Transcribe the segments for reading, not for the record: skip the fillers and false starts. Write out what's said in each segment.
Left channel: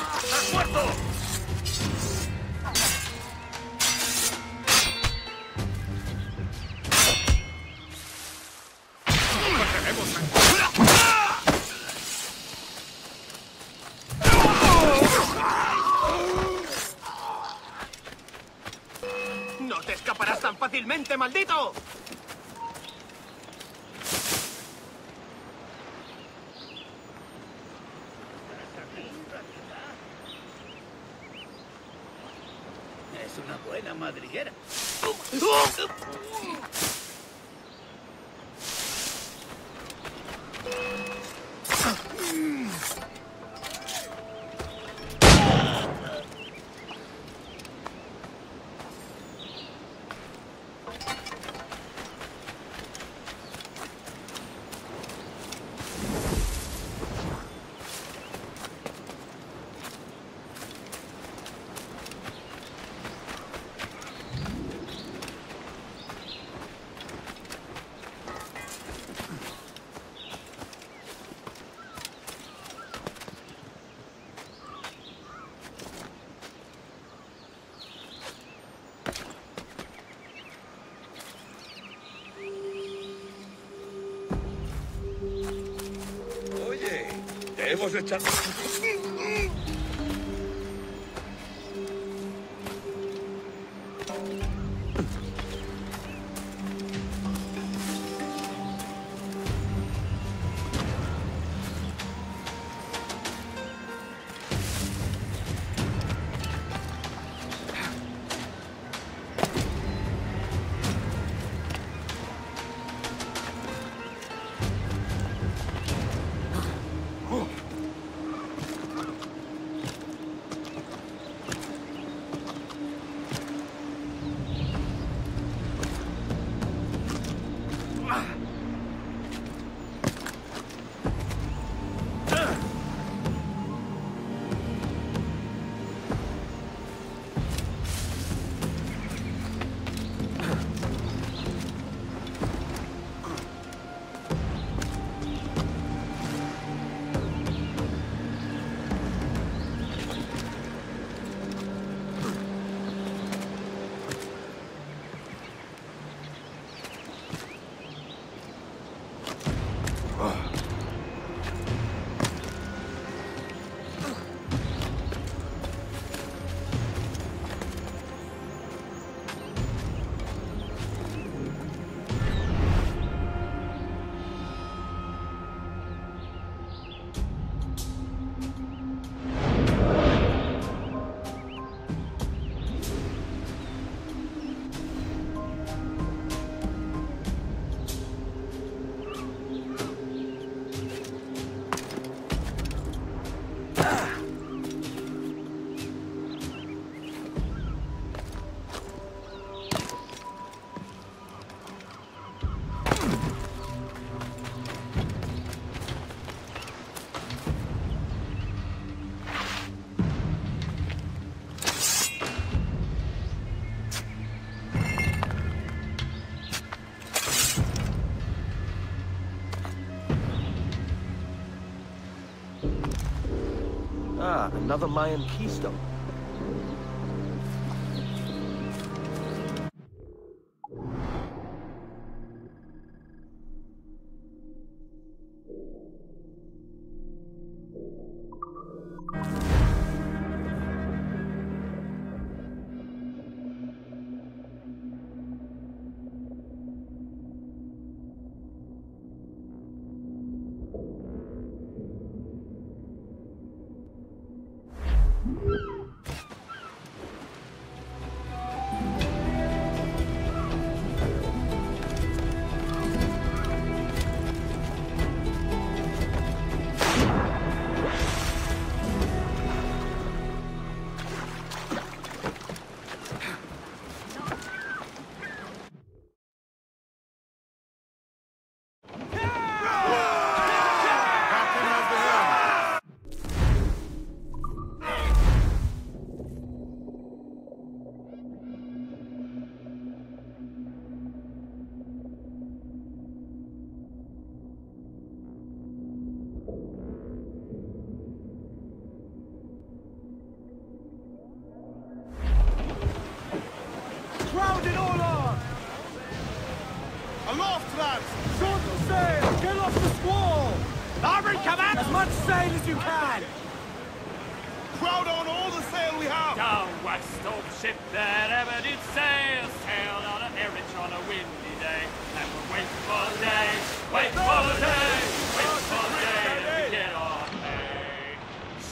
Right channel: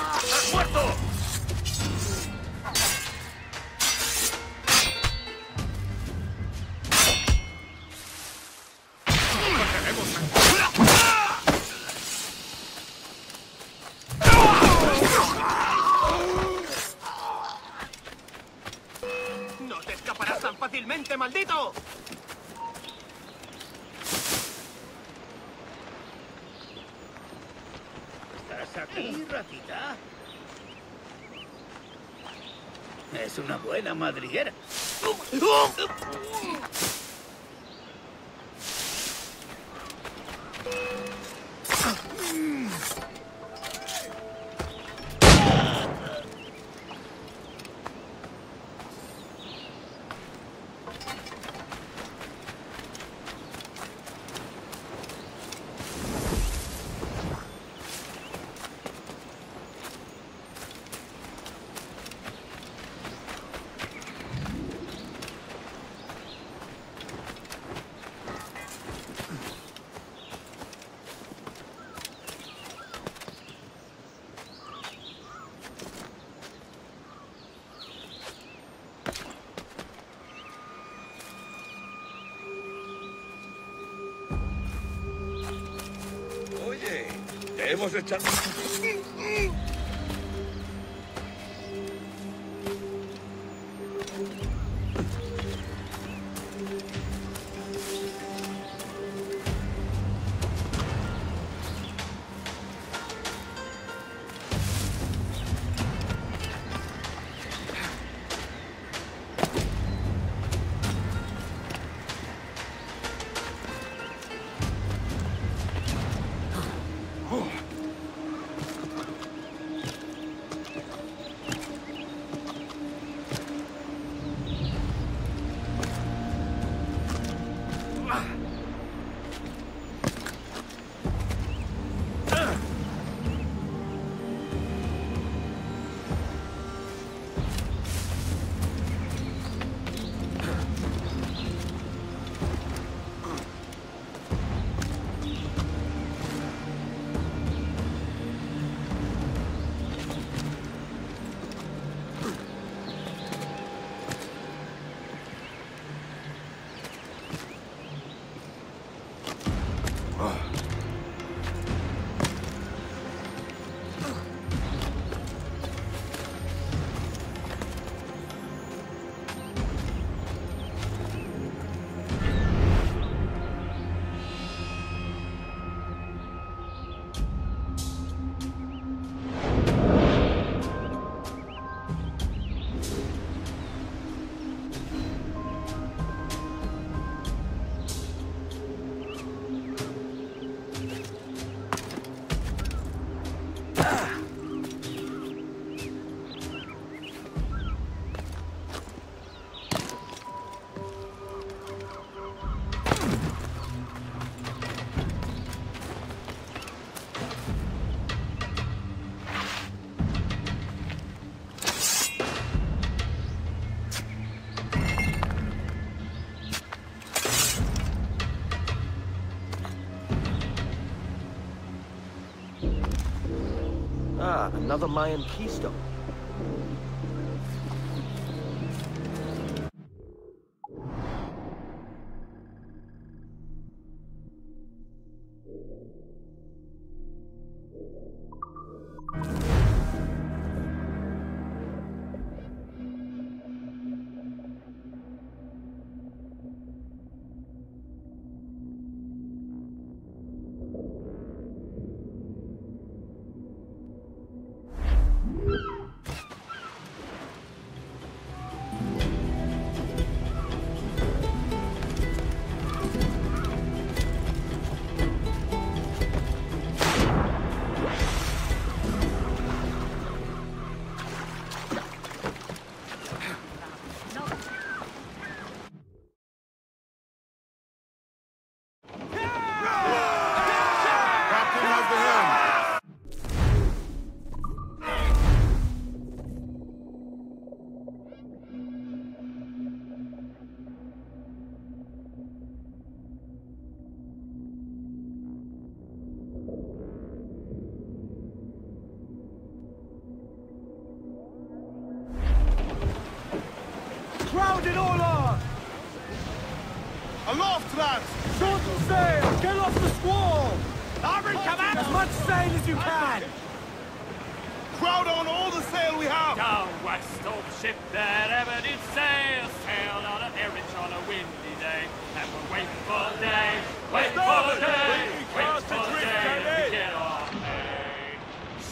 ¡Has muerto! ¡No te escaparás tan fácilmente, maldito! ¿Estás aquí, ratita? Es una buena madriguera. Oye, te hemos echado... Ah, another Mayan keystone. Load it all on! Aloft, lads! Shorten sail! Get off the squall! Larboard, come out! As much sail as you can! Crowd on all the sail we have! Down west of the ship that ever did sail, sailed out of Erich on a windy day, and we're waiting for the day, wait for the day, wait for the day to get off hay.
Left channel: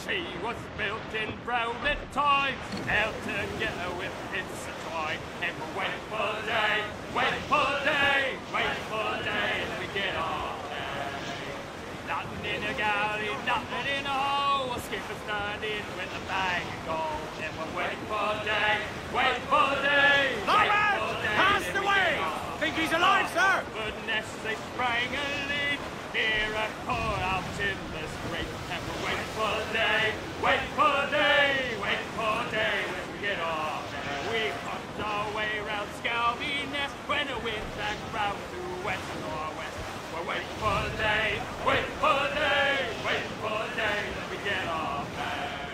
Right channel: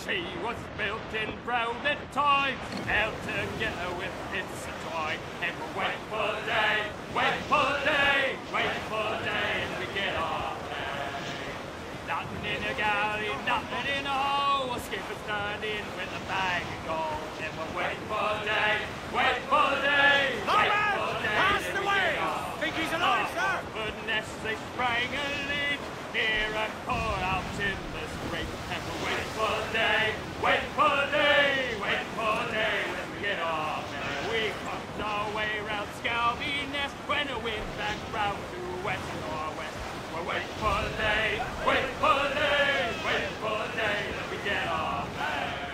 She was built in Brownet times, out together with bits of twine, and we're waiting for the day, wait for the day, wait for the day, and we get off hay. Nothing in a galley, nothing in a hole, a skipper's turned in with a bag of gold, and we're waiting for the day, wait for the day, Larboard! Cast away! Think he's alive, sir? But next they sprang a lead, near a core out in the strait, and we're waiting for the day, wait for the day, wait for the day, when we get off, and we crossed our way round Scalby Nest, when the wind's back round to west northwest. We're waiting for the day, waiting for the day, waiting for the day that we get off hay.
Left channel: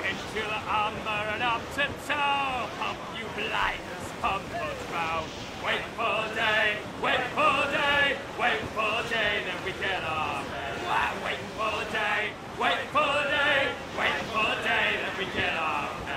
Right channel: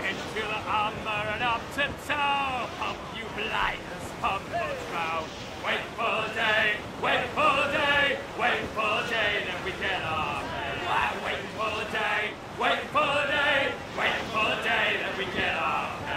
Into the armor and up to town, pump you blinders, pump us round. Wait for the day, wait for the day, wait for the day that we get off hay. Waiting for the day, wait for the day, waiting for the day that we get off hay.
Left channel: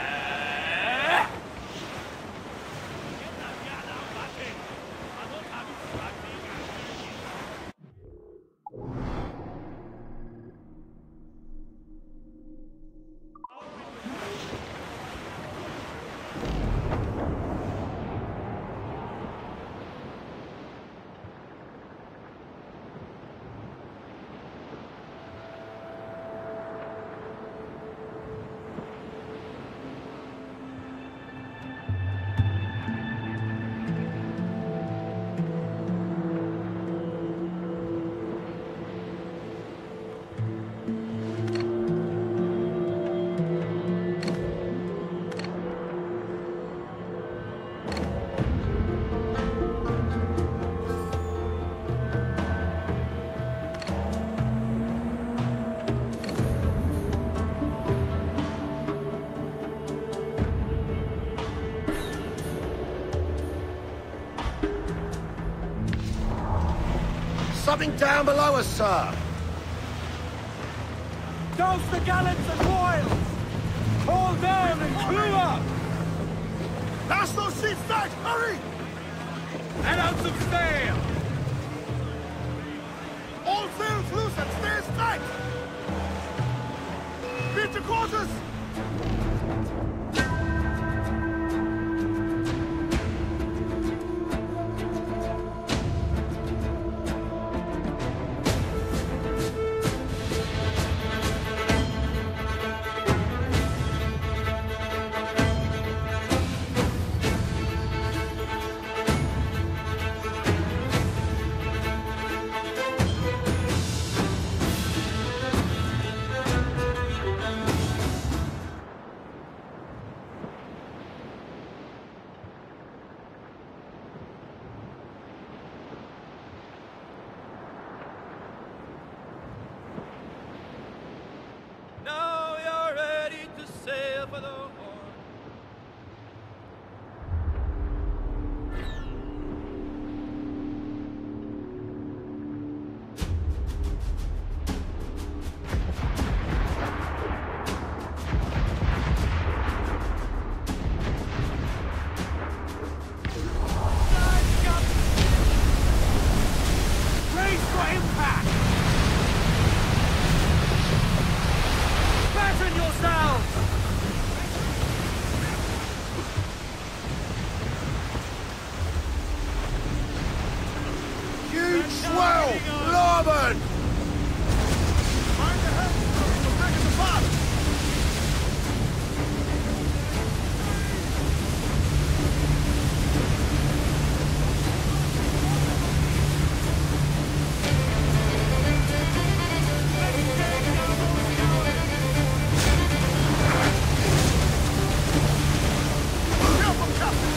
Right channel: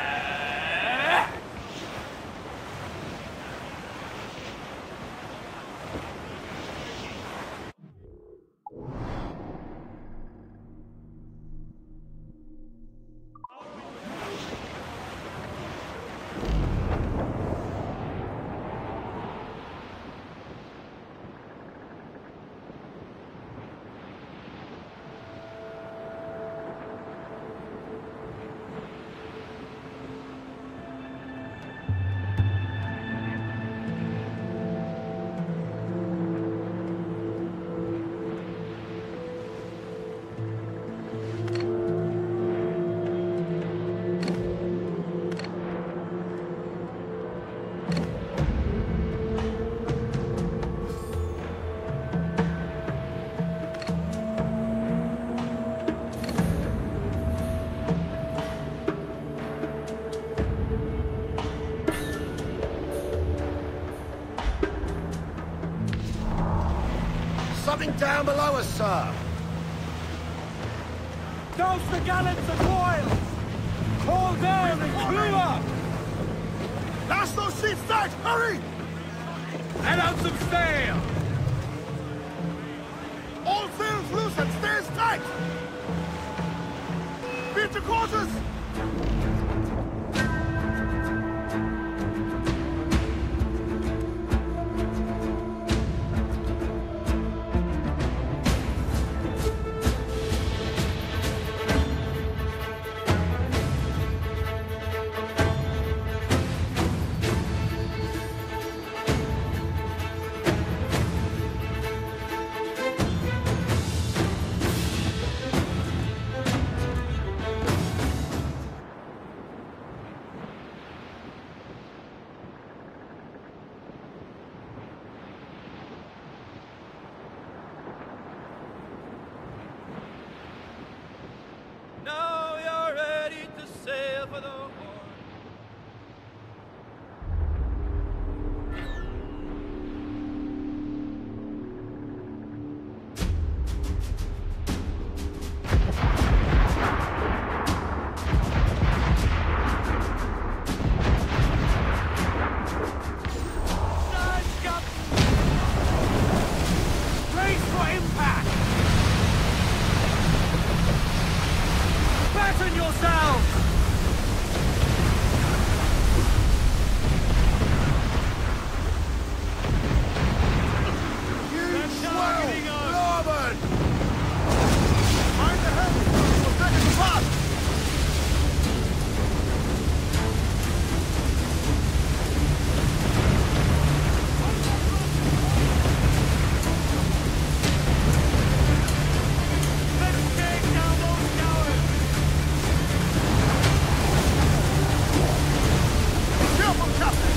Something down below us, sir! Douse the gallants and royals! Call down and clew up! Lash those sheets tight! Hurry! Let out some sail! All sails loose and stays tight! Beat to quarters! Now you're ready to sail for the horn. Brace for impact! Batten yourselves! Huge swell! Larboard! Mind the head! We'll break us apart! Let's take down those cowards! Careful, Captain!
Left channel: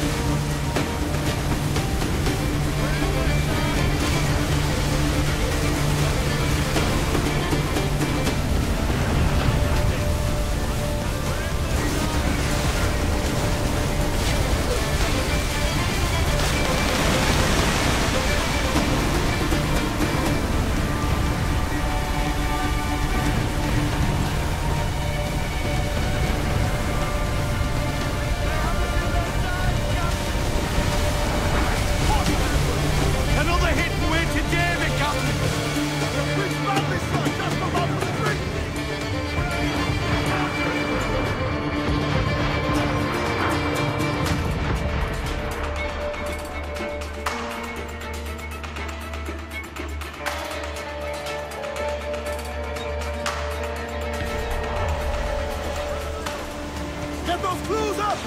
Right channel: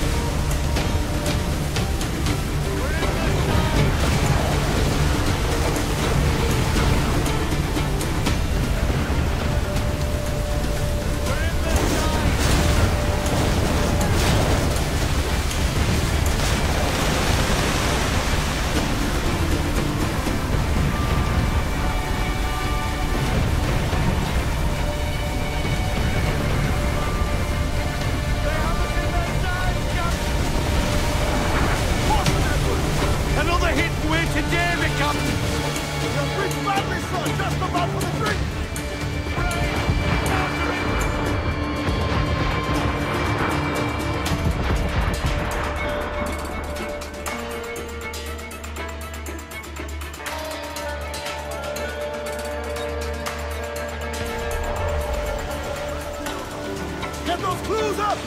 Get those crews up!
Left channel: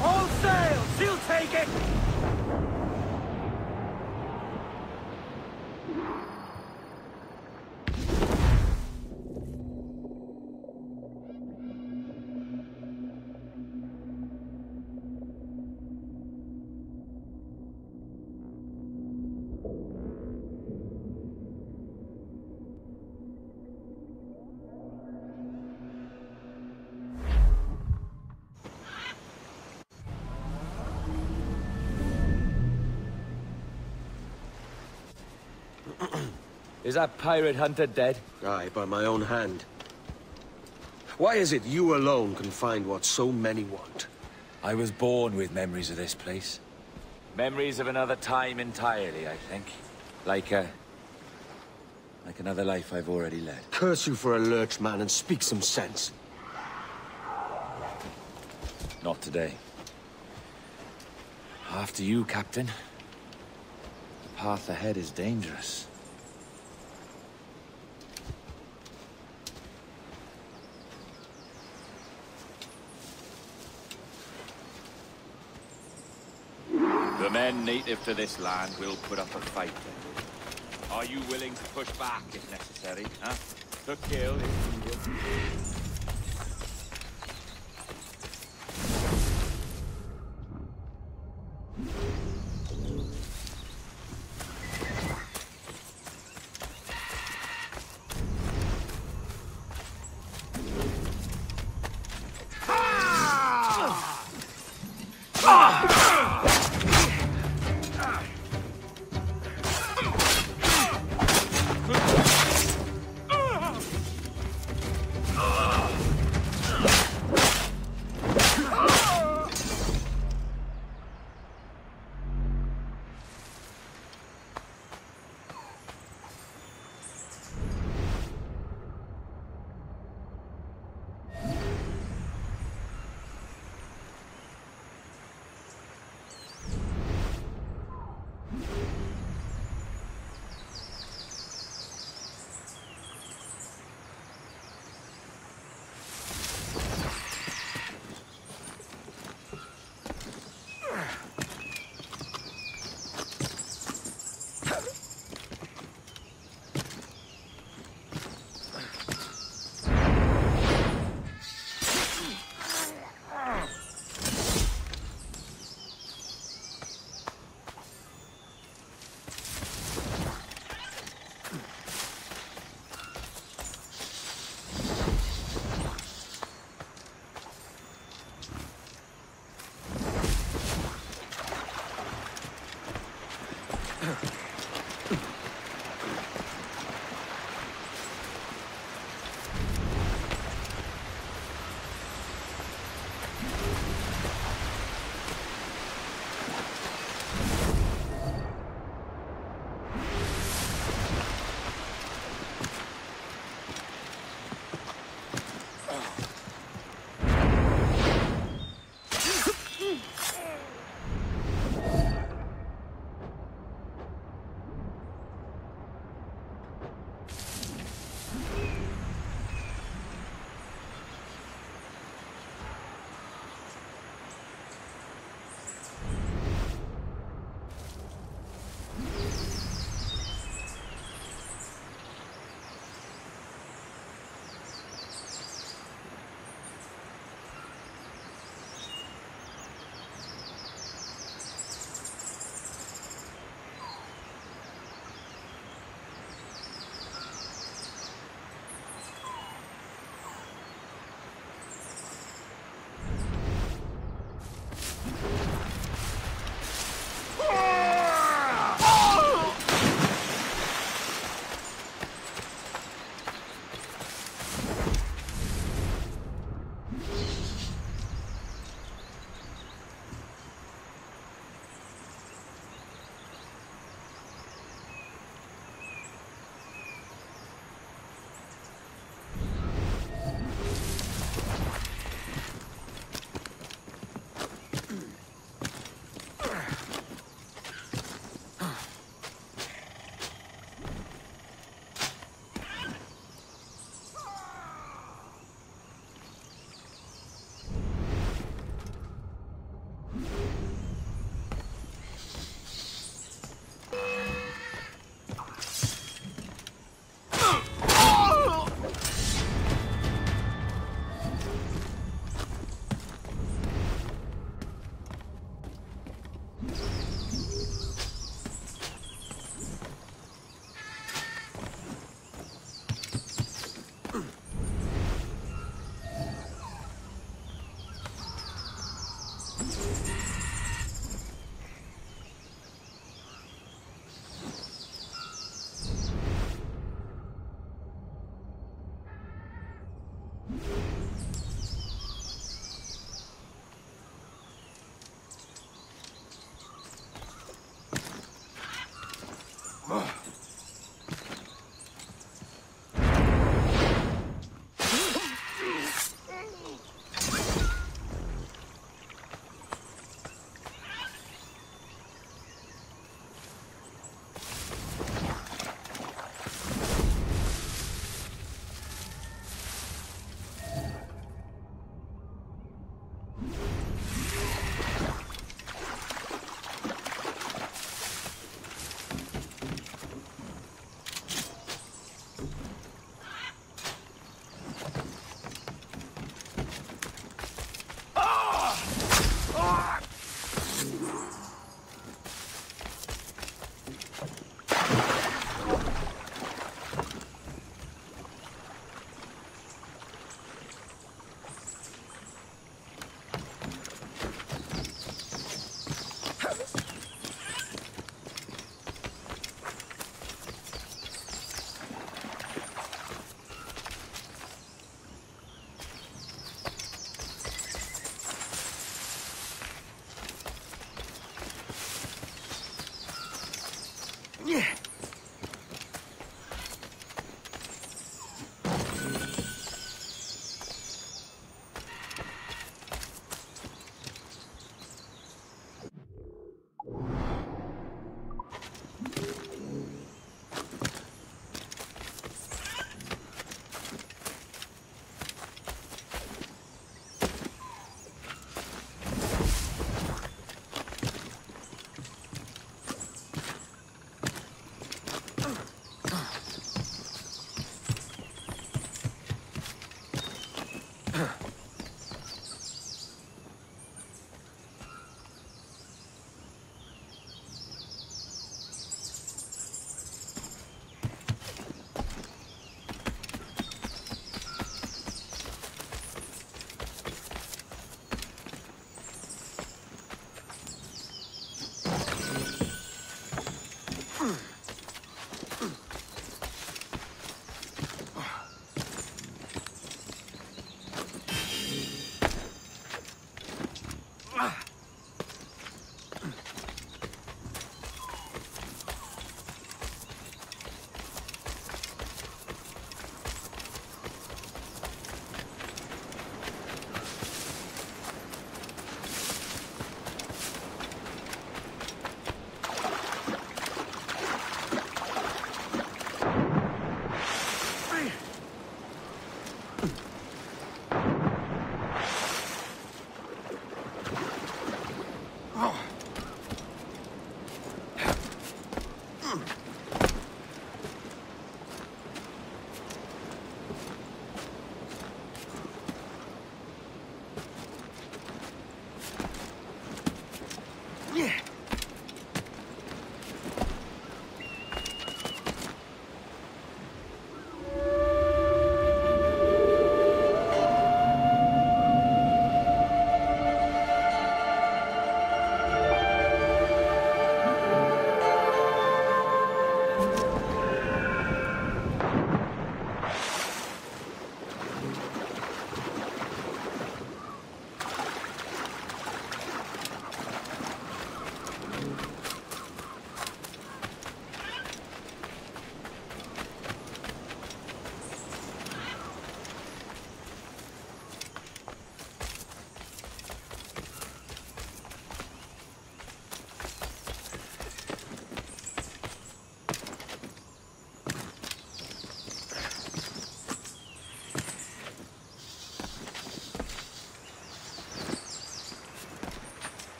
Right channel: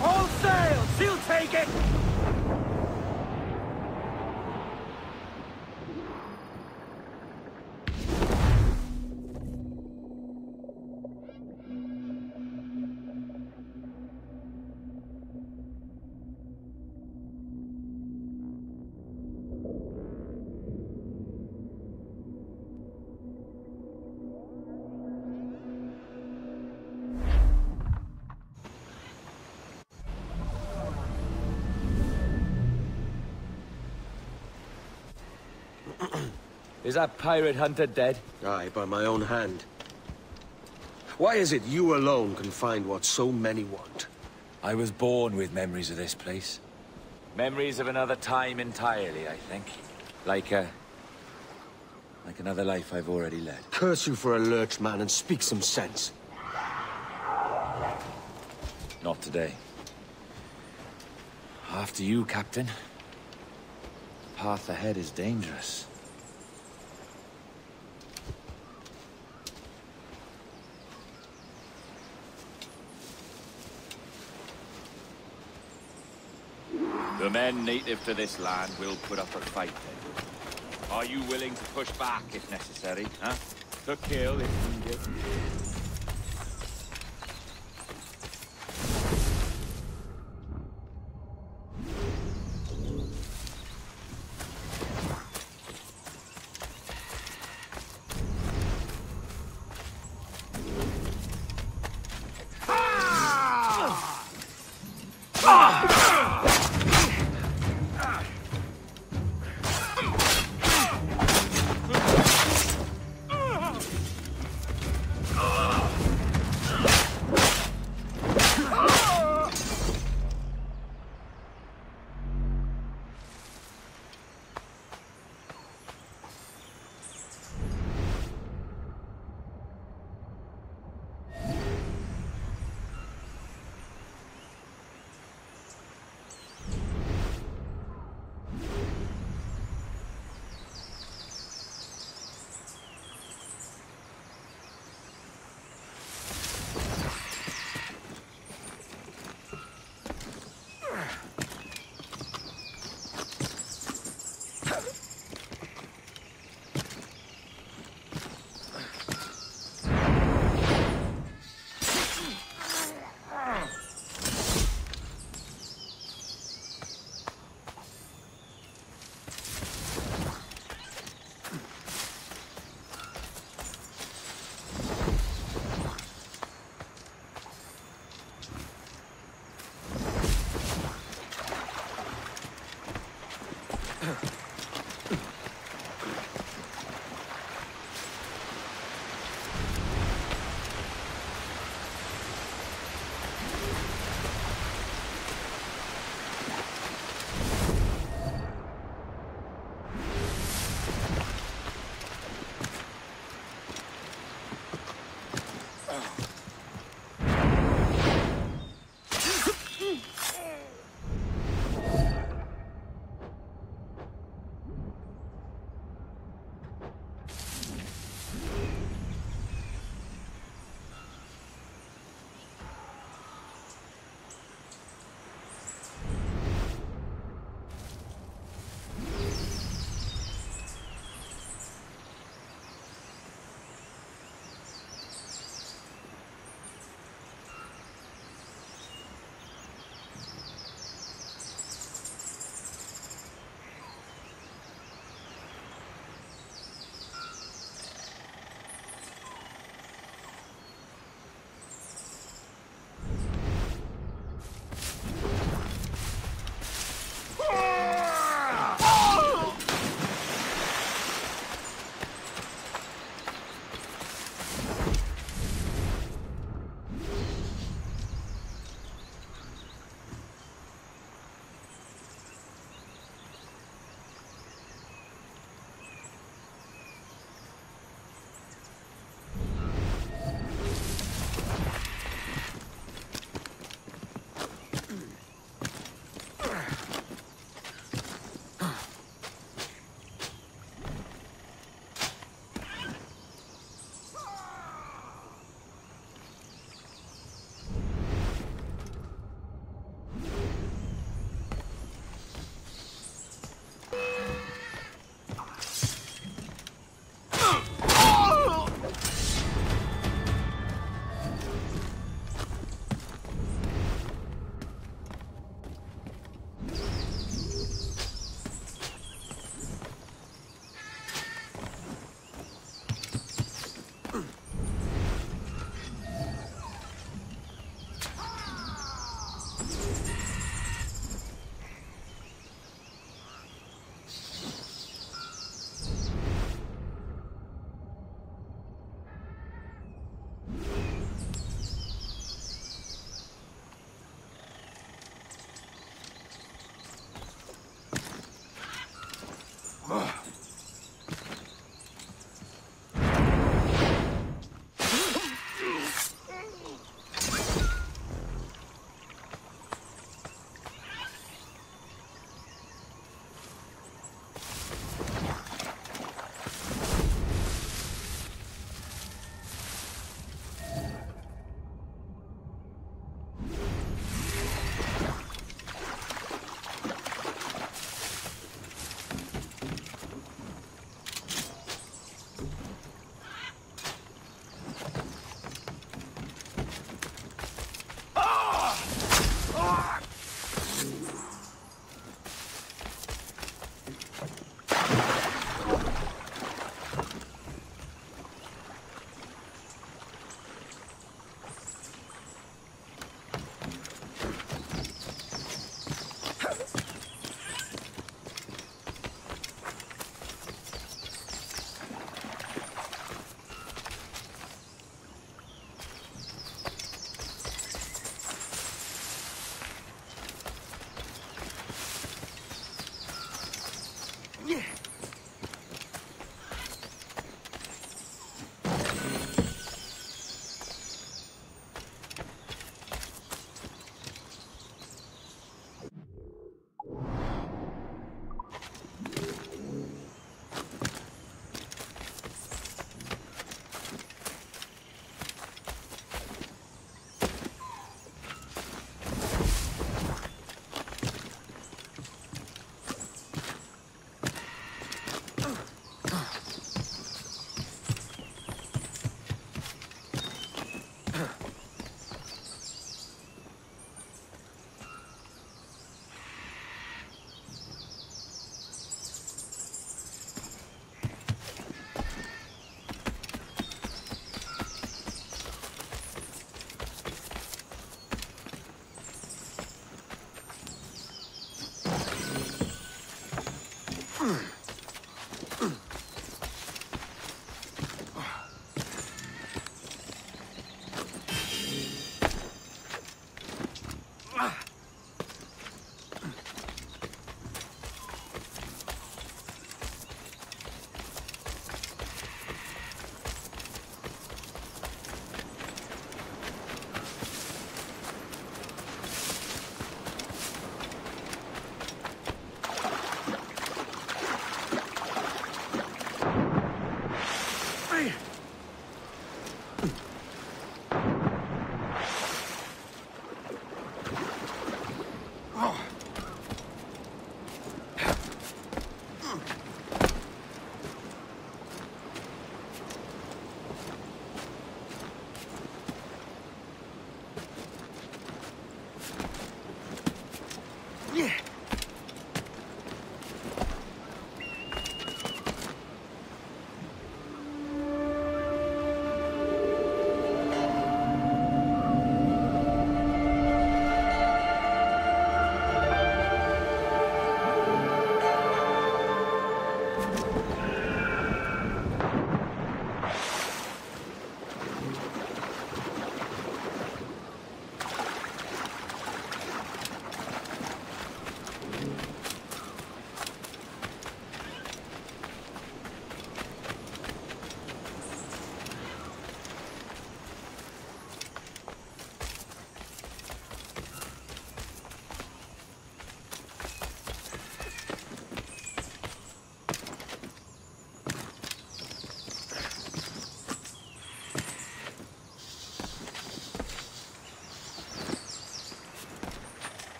All sails! She'll take it! Is that pirate hunter dead? Aye, by my own hand. Why is it you alone can find what so many want? I was born with memories of this place. Memories of another time entirely, I think. Like another life I've already led. Curse you for a lurch, man, and speak some sense. Not today. After you, Captain. The path ahead is dangerous.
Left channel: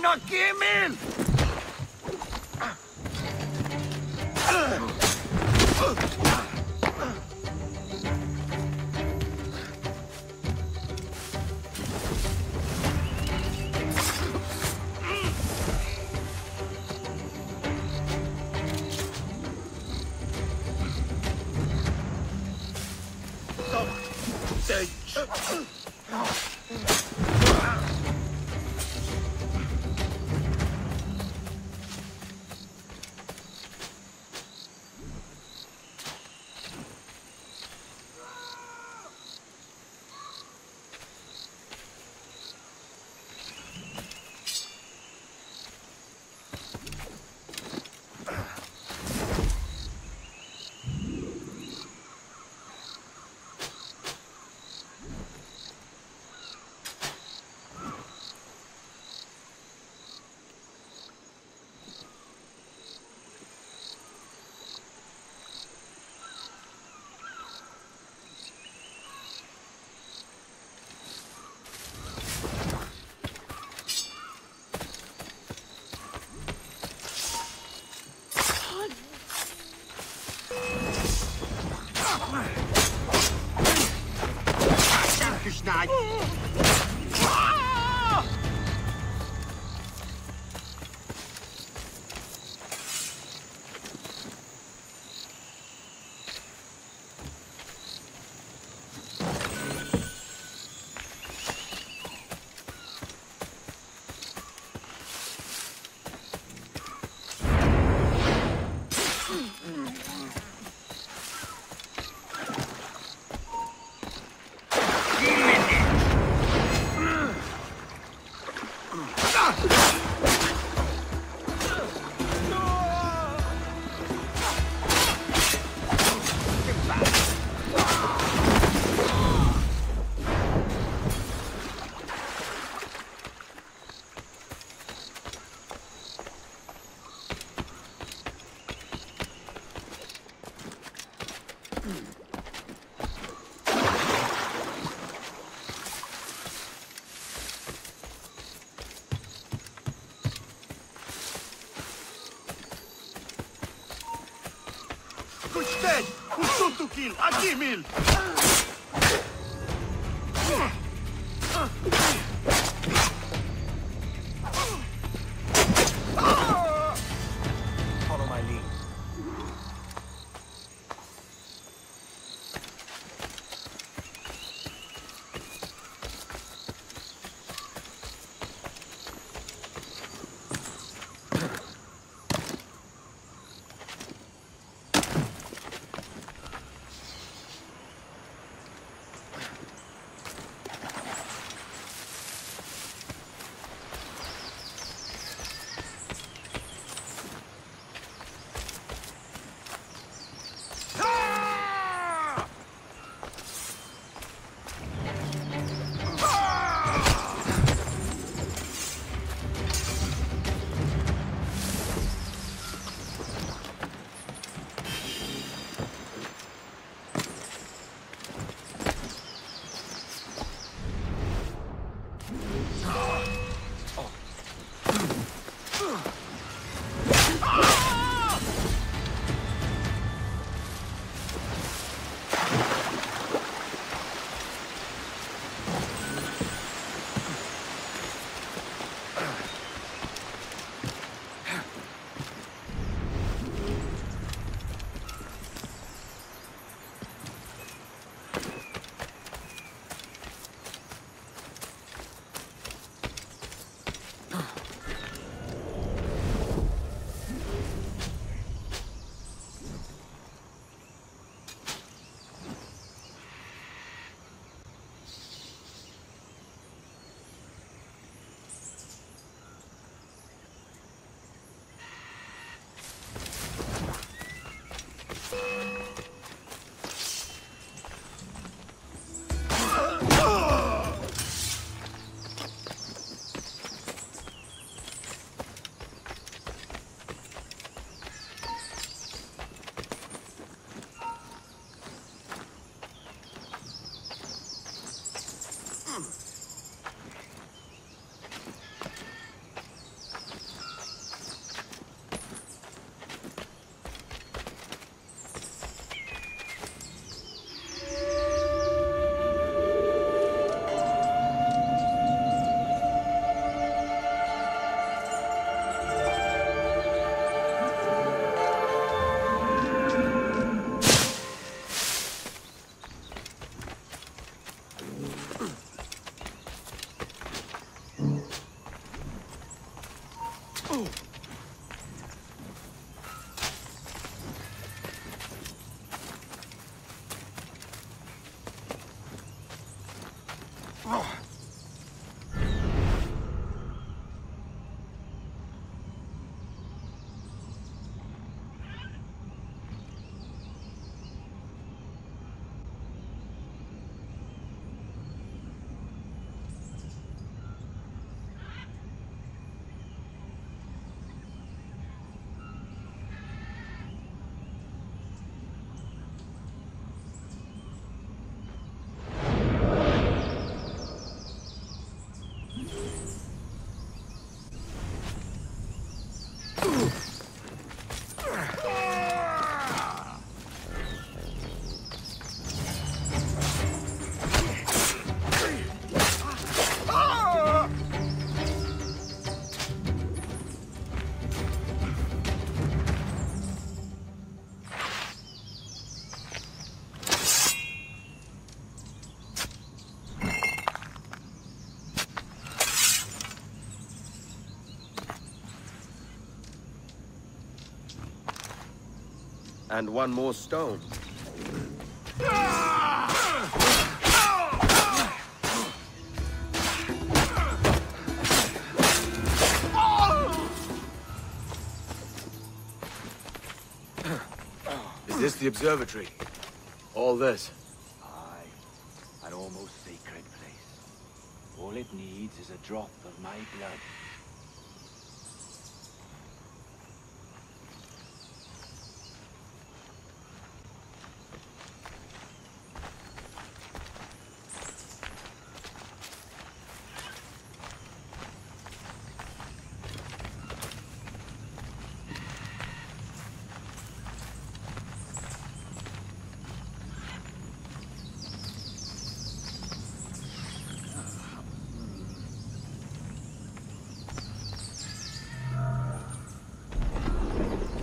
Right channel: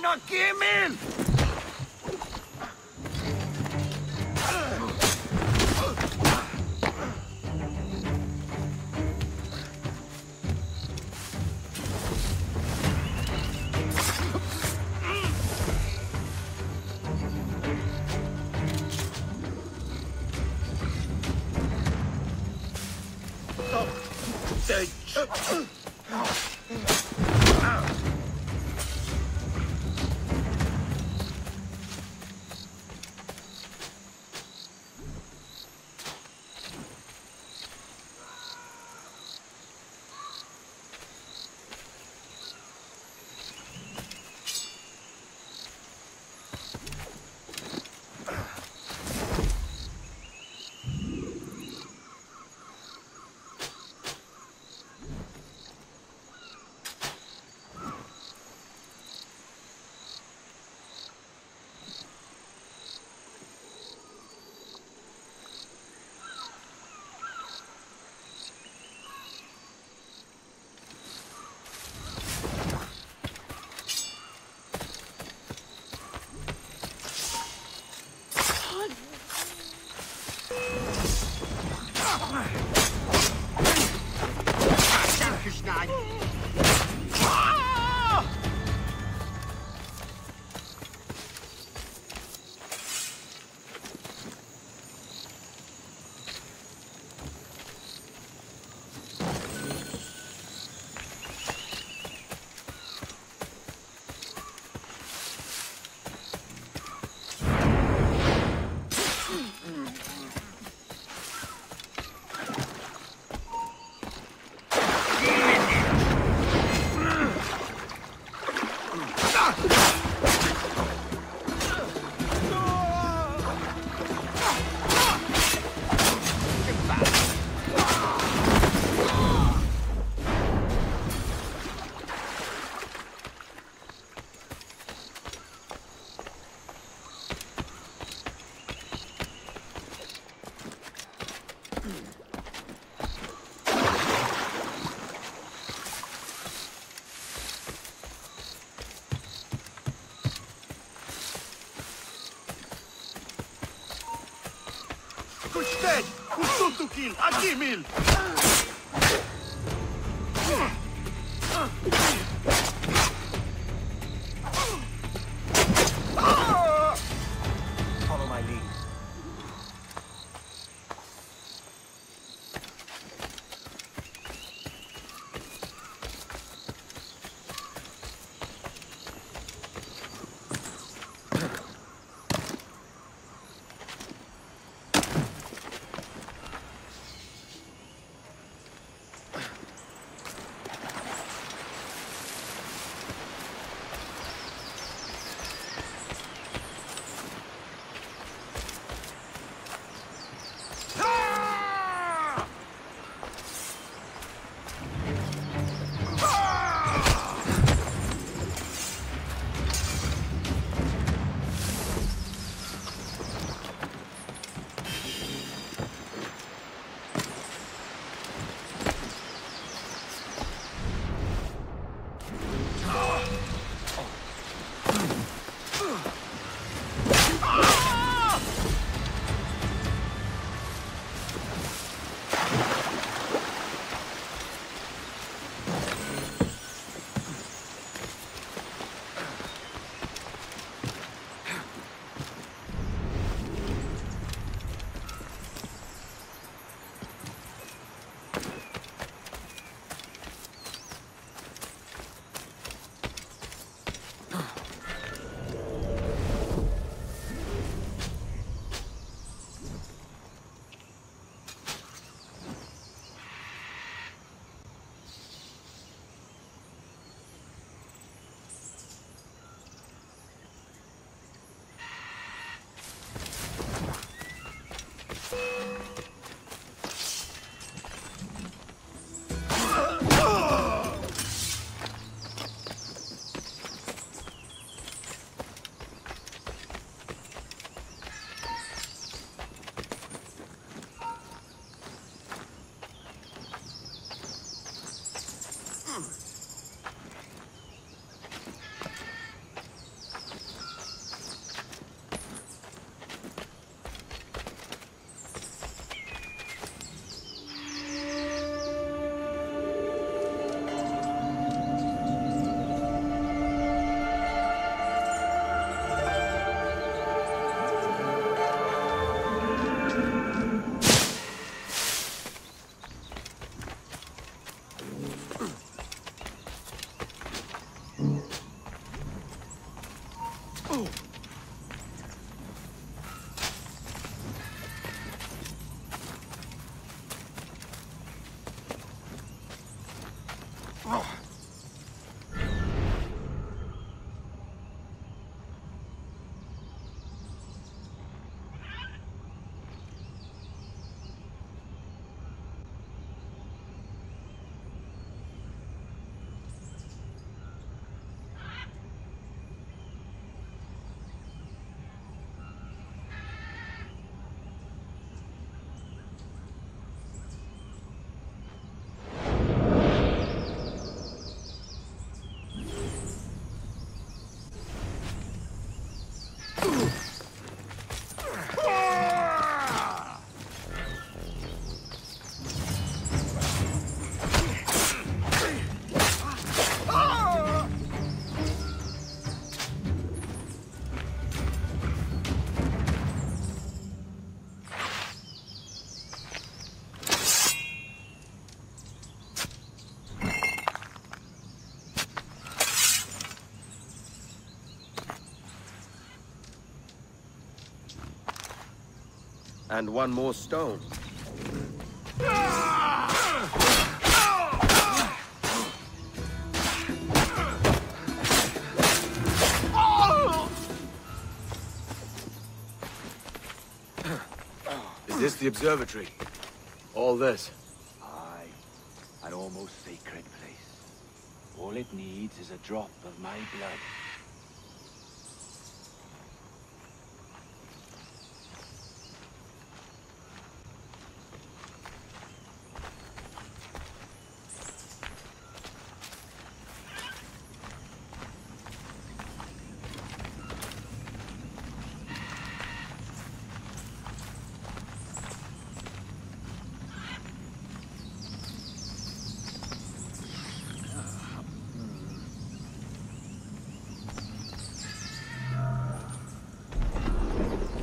Kimil! Kushted! Kustutukil! Akimil! Follow my lead. And one more stone. Is this the observatory? All this? Aye. An almost sacred place. All it needs is a drop of my blood.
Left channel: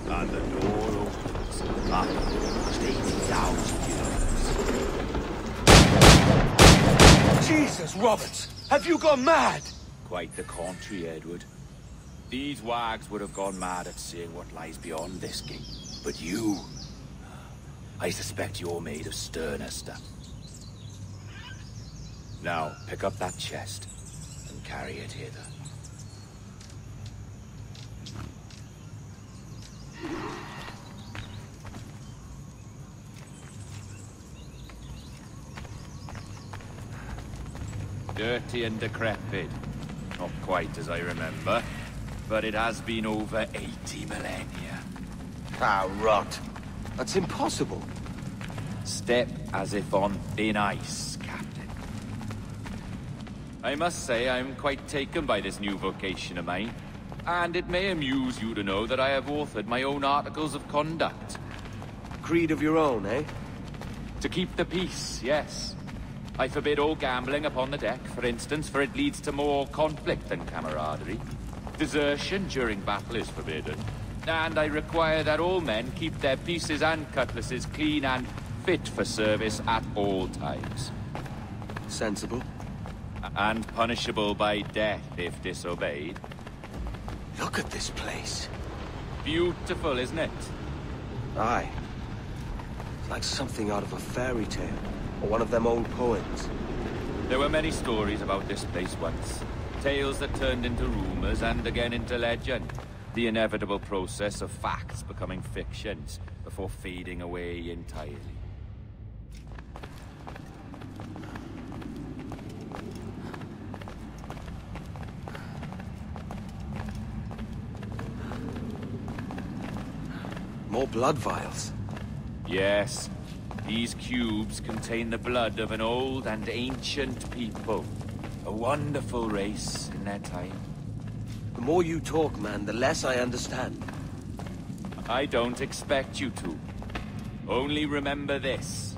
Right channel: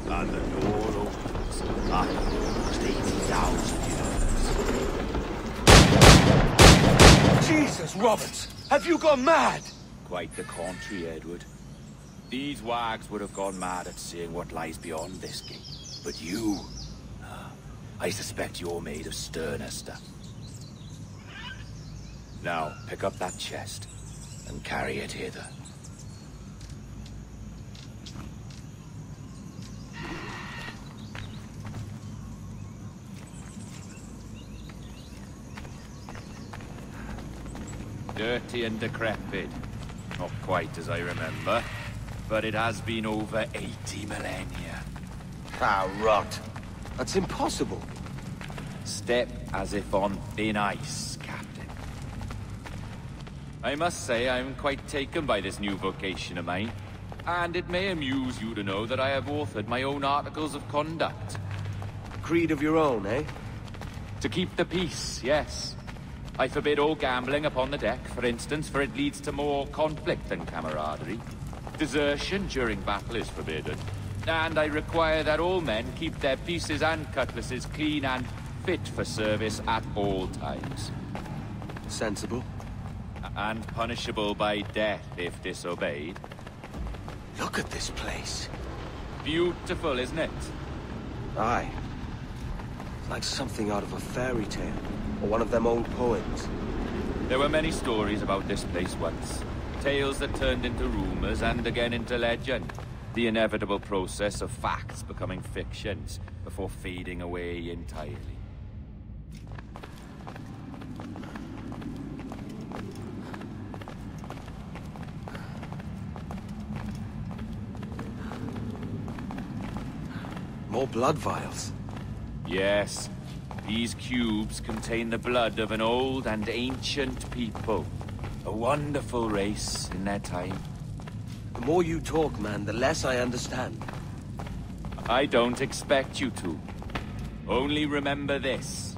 And the door opens after almost 80,000 years. Jesus, Roberts! Have you gone mad? Quite the contrary, Edward. These wags would have gone mad at seeing what lies beyond this gate. But you... I suspect you're made of sterner stuff. Now, pick up that chest and carry it hither. Dirty and decrepit. Not quite as I remember, but it has been over 80 millennia. Ah, rot. That's impossible. Step as if on thin ice, Captain. I must say I'm quite taken by this new vocation of mine, and it may amuse you to know that I have authored my own articles of conduct. Creed of your own, eh? To keep the peace, yes. I forbid all gambling upon the deck, for instance, for it leads to more conflict than camaraderie. Desertion during battle is forbidden. And I require that all men keep their pieces and cutlasses clean and fit for service at all times. Sensible. And punishable by death if disobeyed. Look at this place. Beautiful, isn't it? Aye. It's like something out of a fairy tale. Or one of them old poems. There were many stories about this place once. Tales that turned into rumors and again into legend. The inevitable process of facts becoming fictions before fading away entirely. More blood vials. Yes. These cubes contain the blood of an old and ancient people. A wonderful race in their time. The more you talk, man, the less I understand. I don't expect you to. Only remember this.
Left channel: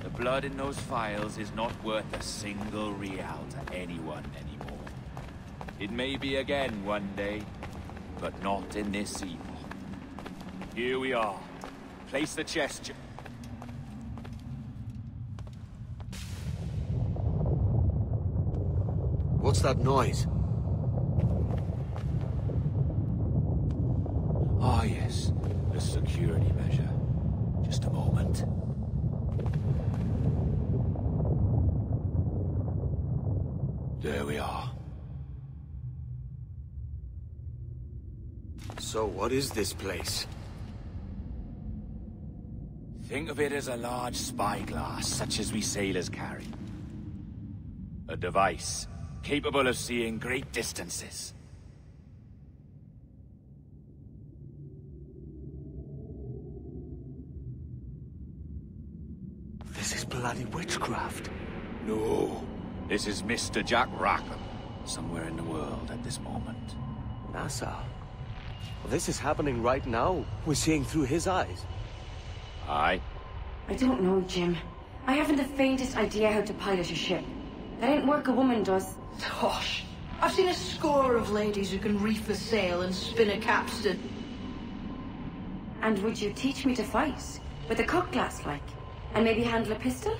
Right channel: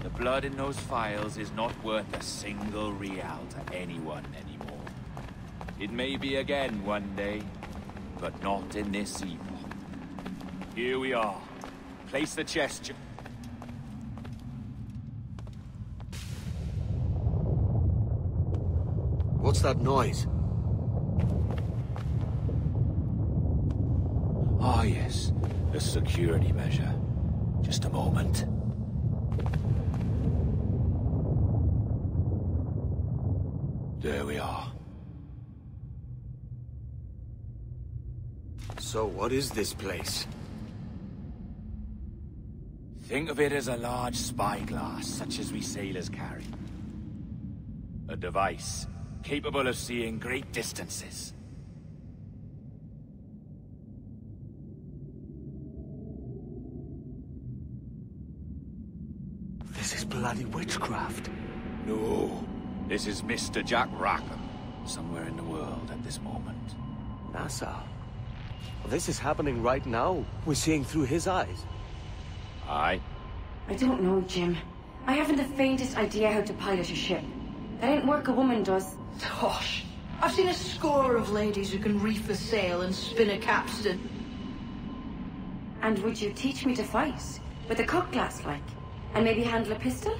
The blood in those files is not worth a single real to anyone anymore. It may be again one day, but not in this epoch. Here we are. Place the chest... What's that noise? Ah, yes. A security measure. Just a moment. There we are. So what is this place? Think of it as a large spyglass, such as we sailors carry. A device capable of seeing great distances. This is bloody witchcraft. No, this is Mr. Jack Rackham, somewhere in the world at this moment. NASA. Well, this is happening right now. We're seeing through his eyes. Aye. I don't know, Jim. I haven't the faintest idea how to pilot a ship. That ain't work a woman does. Tosh. I've seen a score of ladies who can reef a sail and spin a capstan. And would you teach me to fight? With a cutlass, like? And maybe handle a pistol?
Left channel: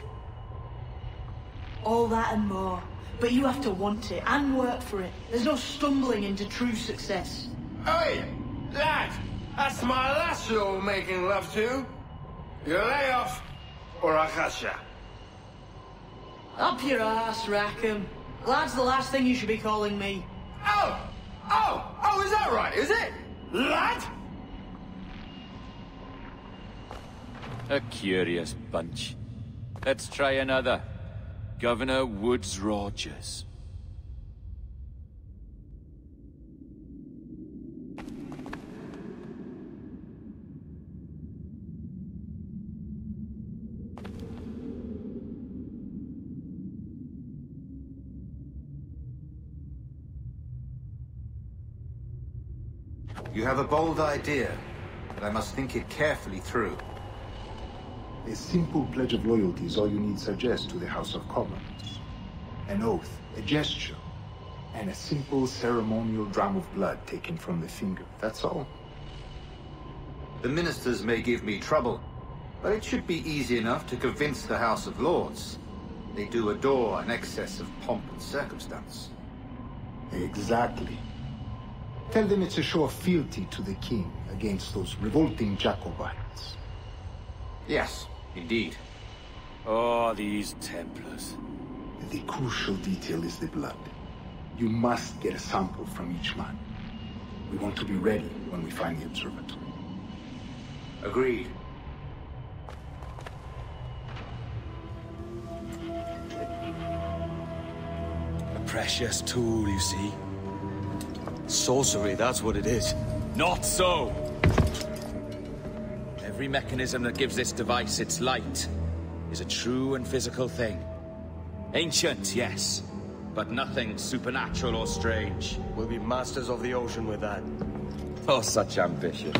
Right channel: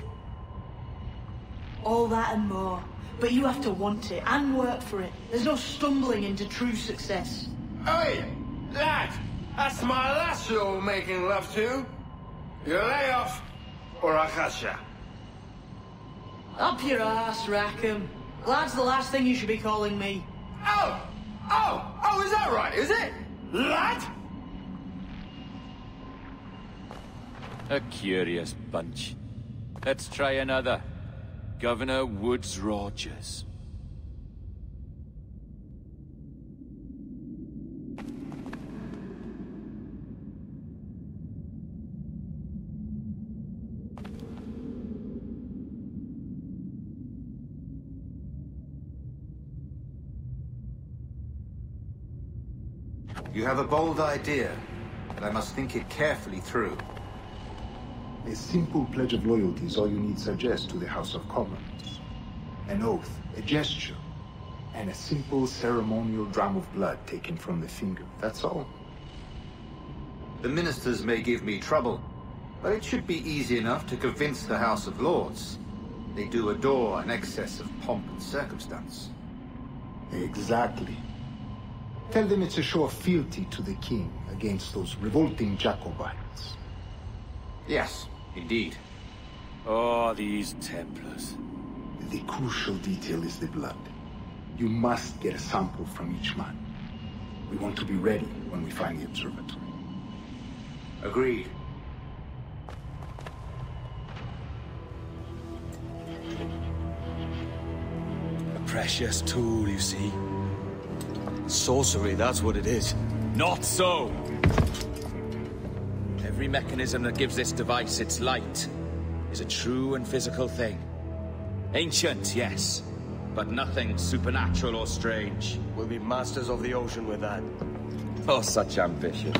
All that and more. But you have to want it and work for it. There's no stumbling into true success. Hey, lad! That's my lass you're making love to. You lay off, or I'll catch ya. Up your ass, Rackham. Lad's the last thing you should be calling me. Oh, is that right, is it? Lad? A curious bunch. Let's try another. Governor Woodes Rogers. You have a bold idea, but I must think it carefully through. A simple pledge of loyalty is all you need suggest to the House of Commons. An oath, a gesture, and a simple ceremonial dram of blood taken from the finger. That's all. The ministers may give me trouble, but it should be easy enough to convince the House of Lords. They do adore an excess of pomp and circumstance. Exactly. Tell them it's a show of fealty to the king against those revolting Jacobites. Yes, indeed. Oh, these Templars. The crucial detail is the blood. You must get a sample from each man. We want to be ready when we find the observatory. Agreed. A precious tool, you see. Sorcery, that's what it is. Not so! Every mechanism that gives this device its light is a true and physical thing. Ancient, yes, but nothing supernatural or strange. We'll be masters of the ocean with that. Oh, such ambition.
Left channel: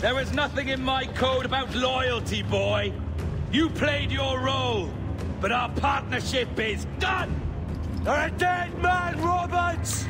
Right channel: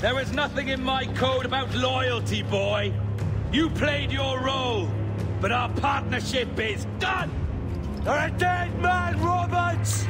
There is nothing in my code about loyalty, boy. You played your role, but our partnership is done! You're a dead man, Roberts!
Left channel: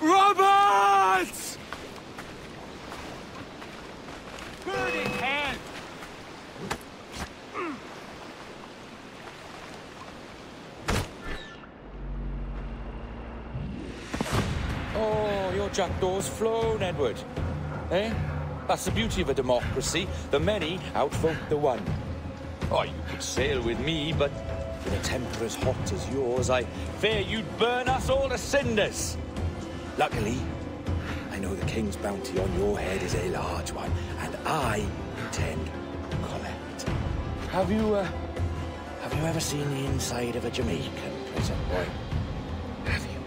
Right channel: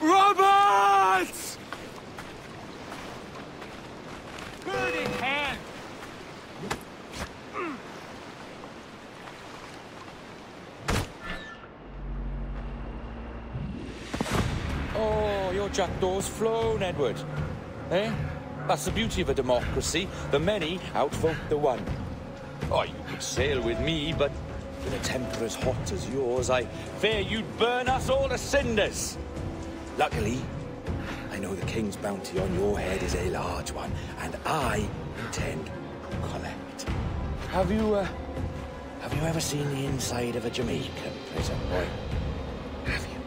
Robert! Bird in hand! Oh, your jackdaw's flown, Edward. Eh? That's the beauty of a democracy. The many outvote the one. Oh, you could sail with me, but with a temper as hot as yours, I fear you'd burn us all to cinders. Luckily, I know the king's bounty on your head is a large one, and I intend to collect. Have you ever seen the inside of a Jamaican prison, boy? Have you?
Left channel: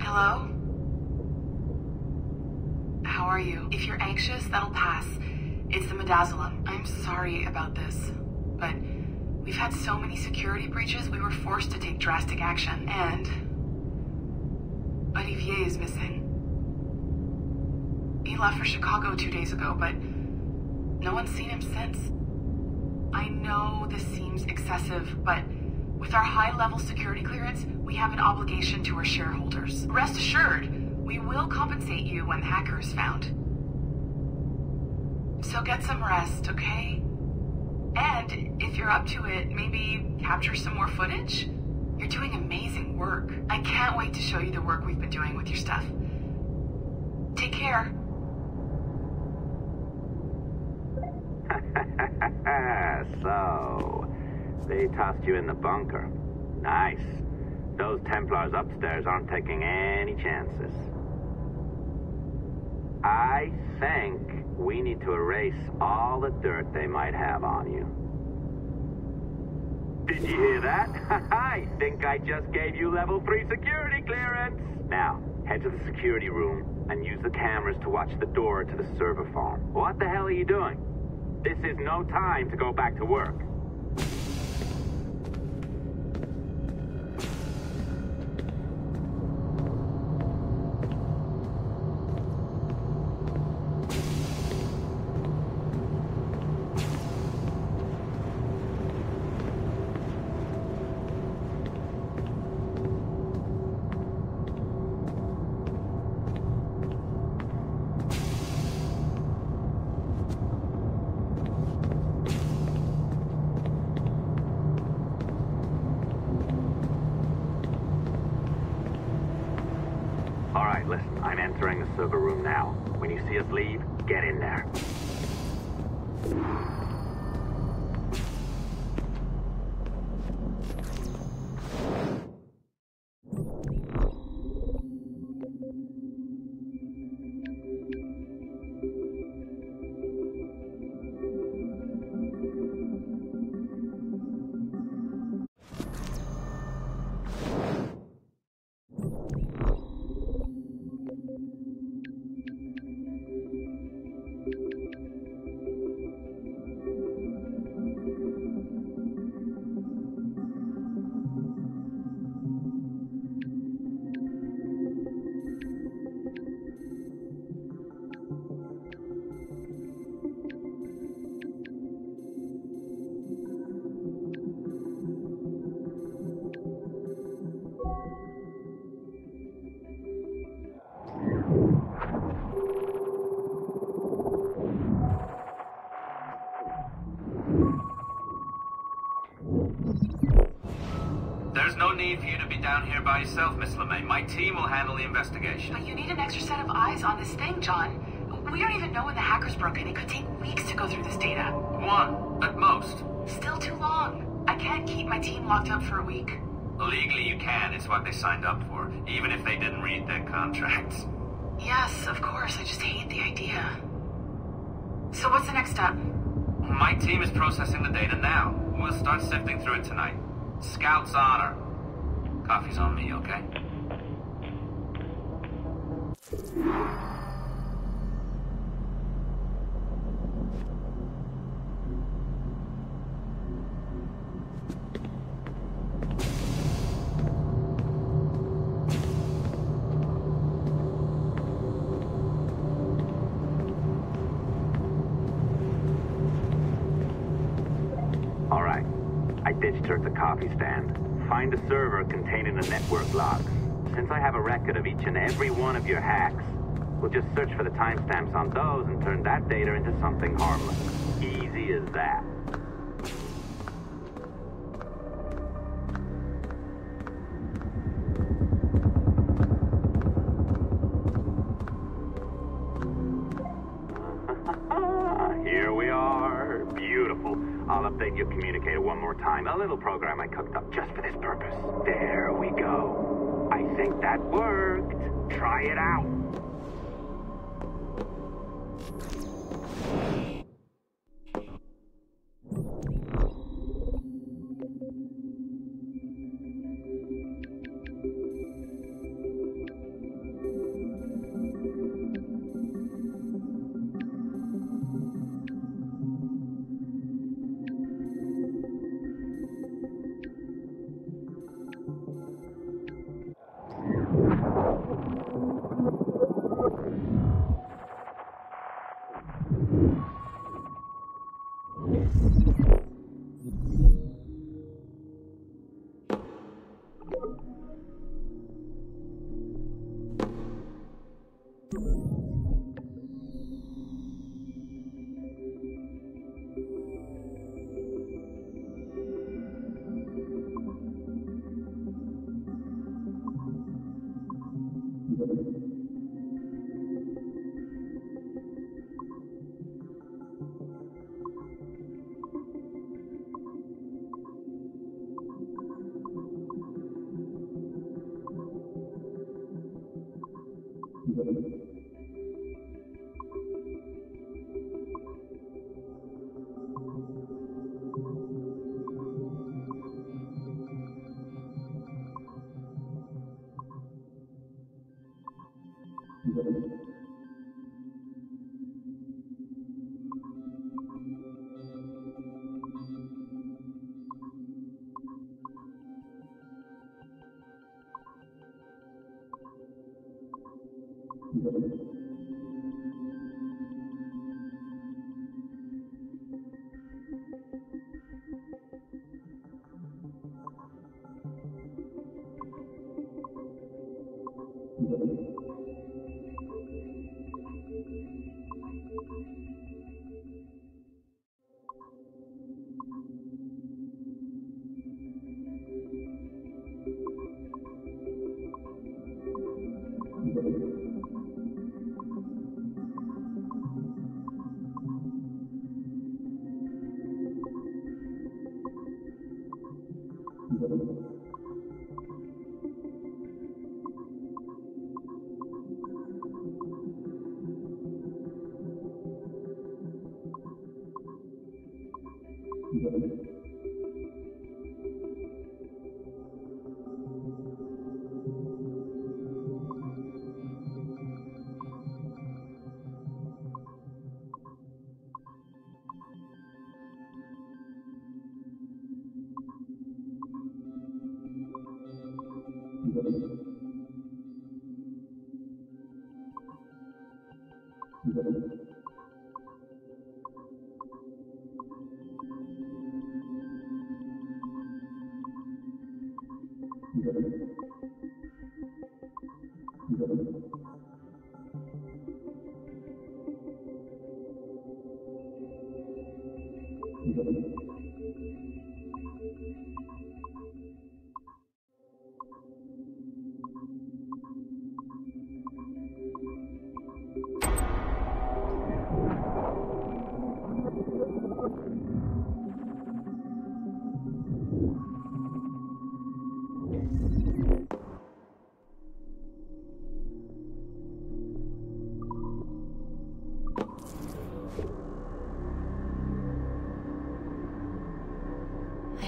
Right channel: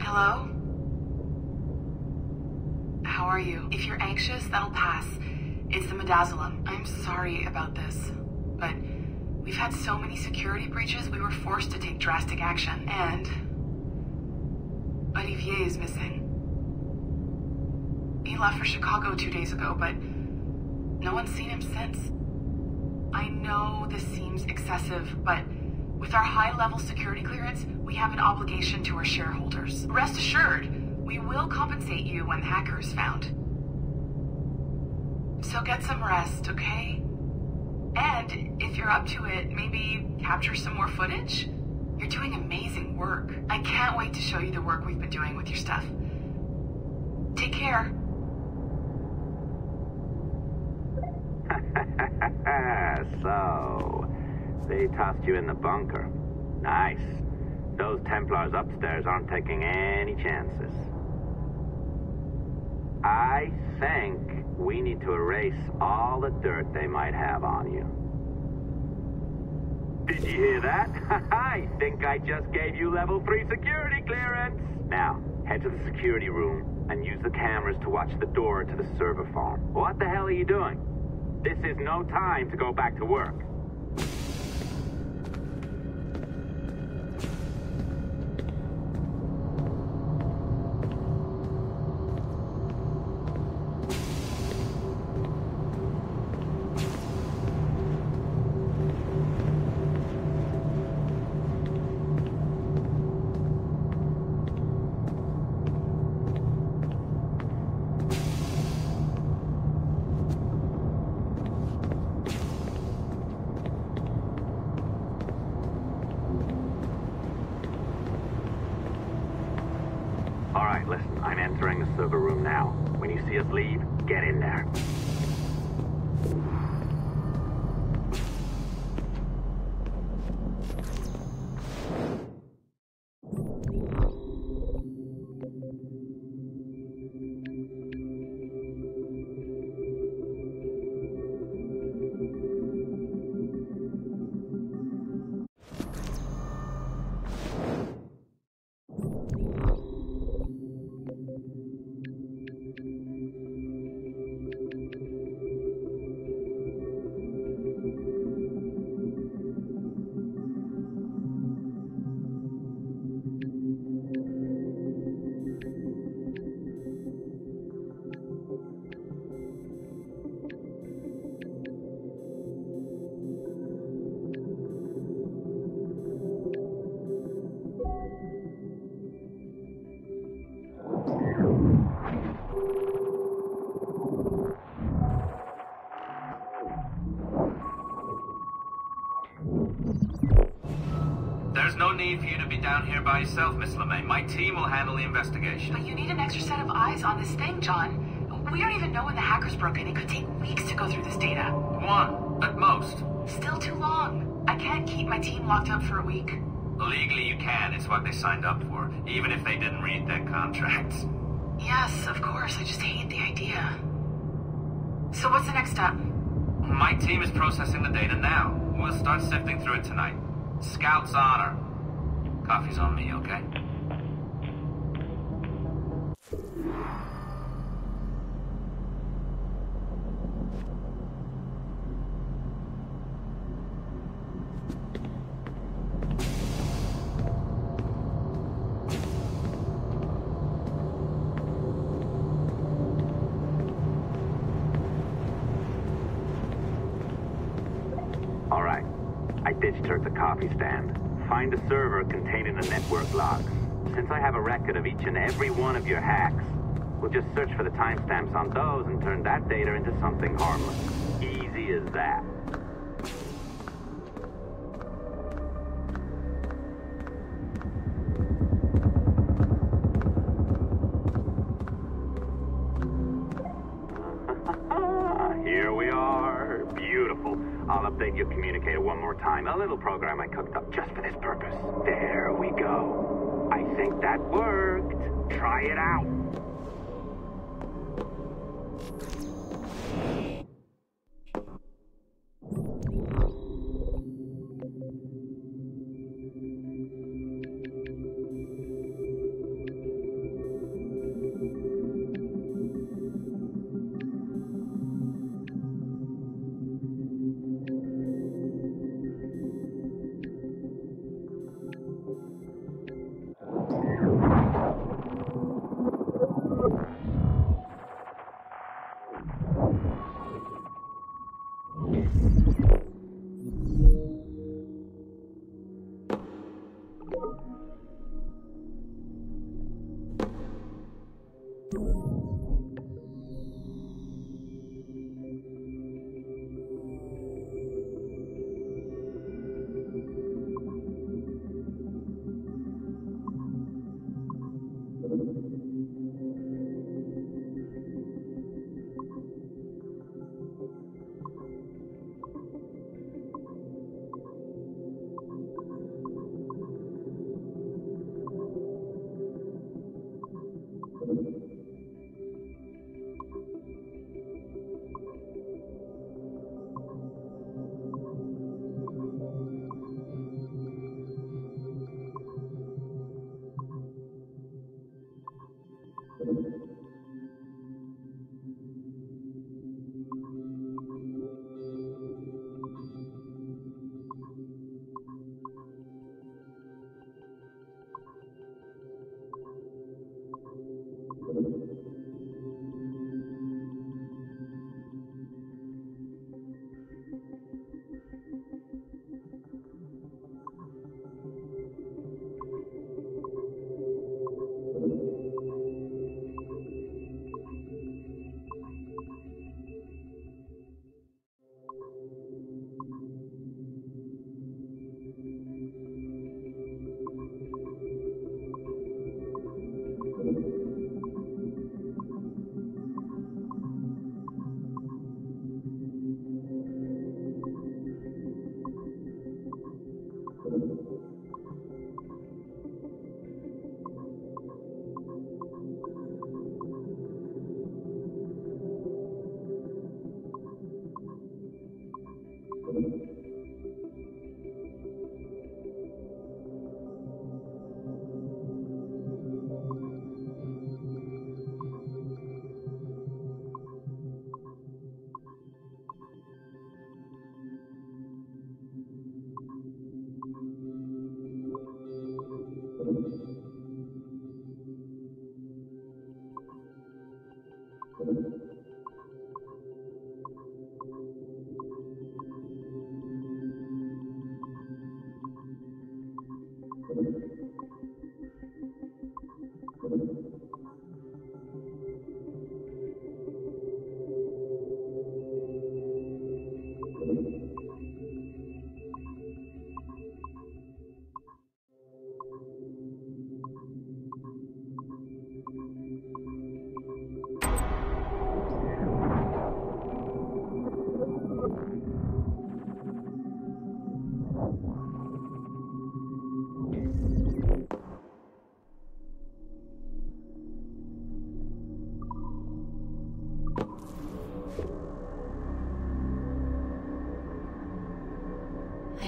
Hello? How are you? If you're anxious, that'll pass. It's the Midazolam. I'm sorry about this, but we've had so many security breaches, we were forced to take drastic action, and Olivier is missing. He left for Chicago 2 days ago, but no one's seen him since. I know this seems excessive, but with our high-level security clearance, we have an obligation to our shareholders. Rest assured, we will compensate you when the hacker is found. So get some rest, okay? And if you're up to it, maybe capture some more footage? You're doing amazing work. I can't wait to show you the work we've been doing with your stuff. Take care. So, they tossed you in the bunker. Nice. Those Templars upstairs aren't taking any chances. I think we need to erase all the dirt they might have on you. Did you hear that? I think I just gave you level 3 security clearance. Now, head to the security room and use the cameras to watch the door to the server farm. What the hell are you doing? This is no time to go back to work. Listen, I'm entering the server room now. When you see us leave, get in there. There's no need for you to be down here by yourself, Miss LeMay. My team will handle the investigation. But you need an extra set of eyes on this thing, John. We don't even know when the hackers broke in. It could take weeks to go through this data. One, at most. Still too long. I can't keep my team locked up for a week. Legally you can. It's what they signed up for, even if they didn't read their contracts. Yes, of course. I just hate the idea. So what's the next step? My team is processing the data now. We'll start sifting through it tonight. Scout's honor. Coffee's on me, okay? All right. I ditched her at the coffee stand. Find a server containing the network logs. Since I have a record of each and every one of your hacks, we'll just search for the timestamps on those and turn that data into something harmless. Easy as that. Here we are. Beautiful. I'll update your communicator one more time. A little program I cooked up just for this purpose. There we go. I think that worked. Try it out.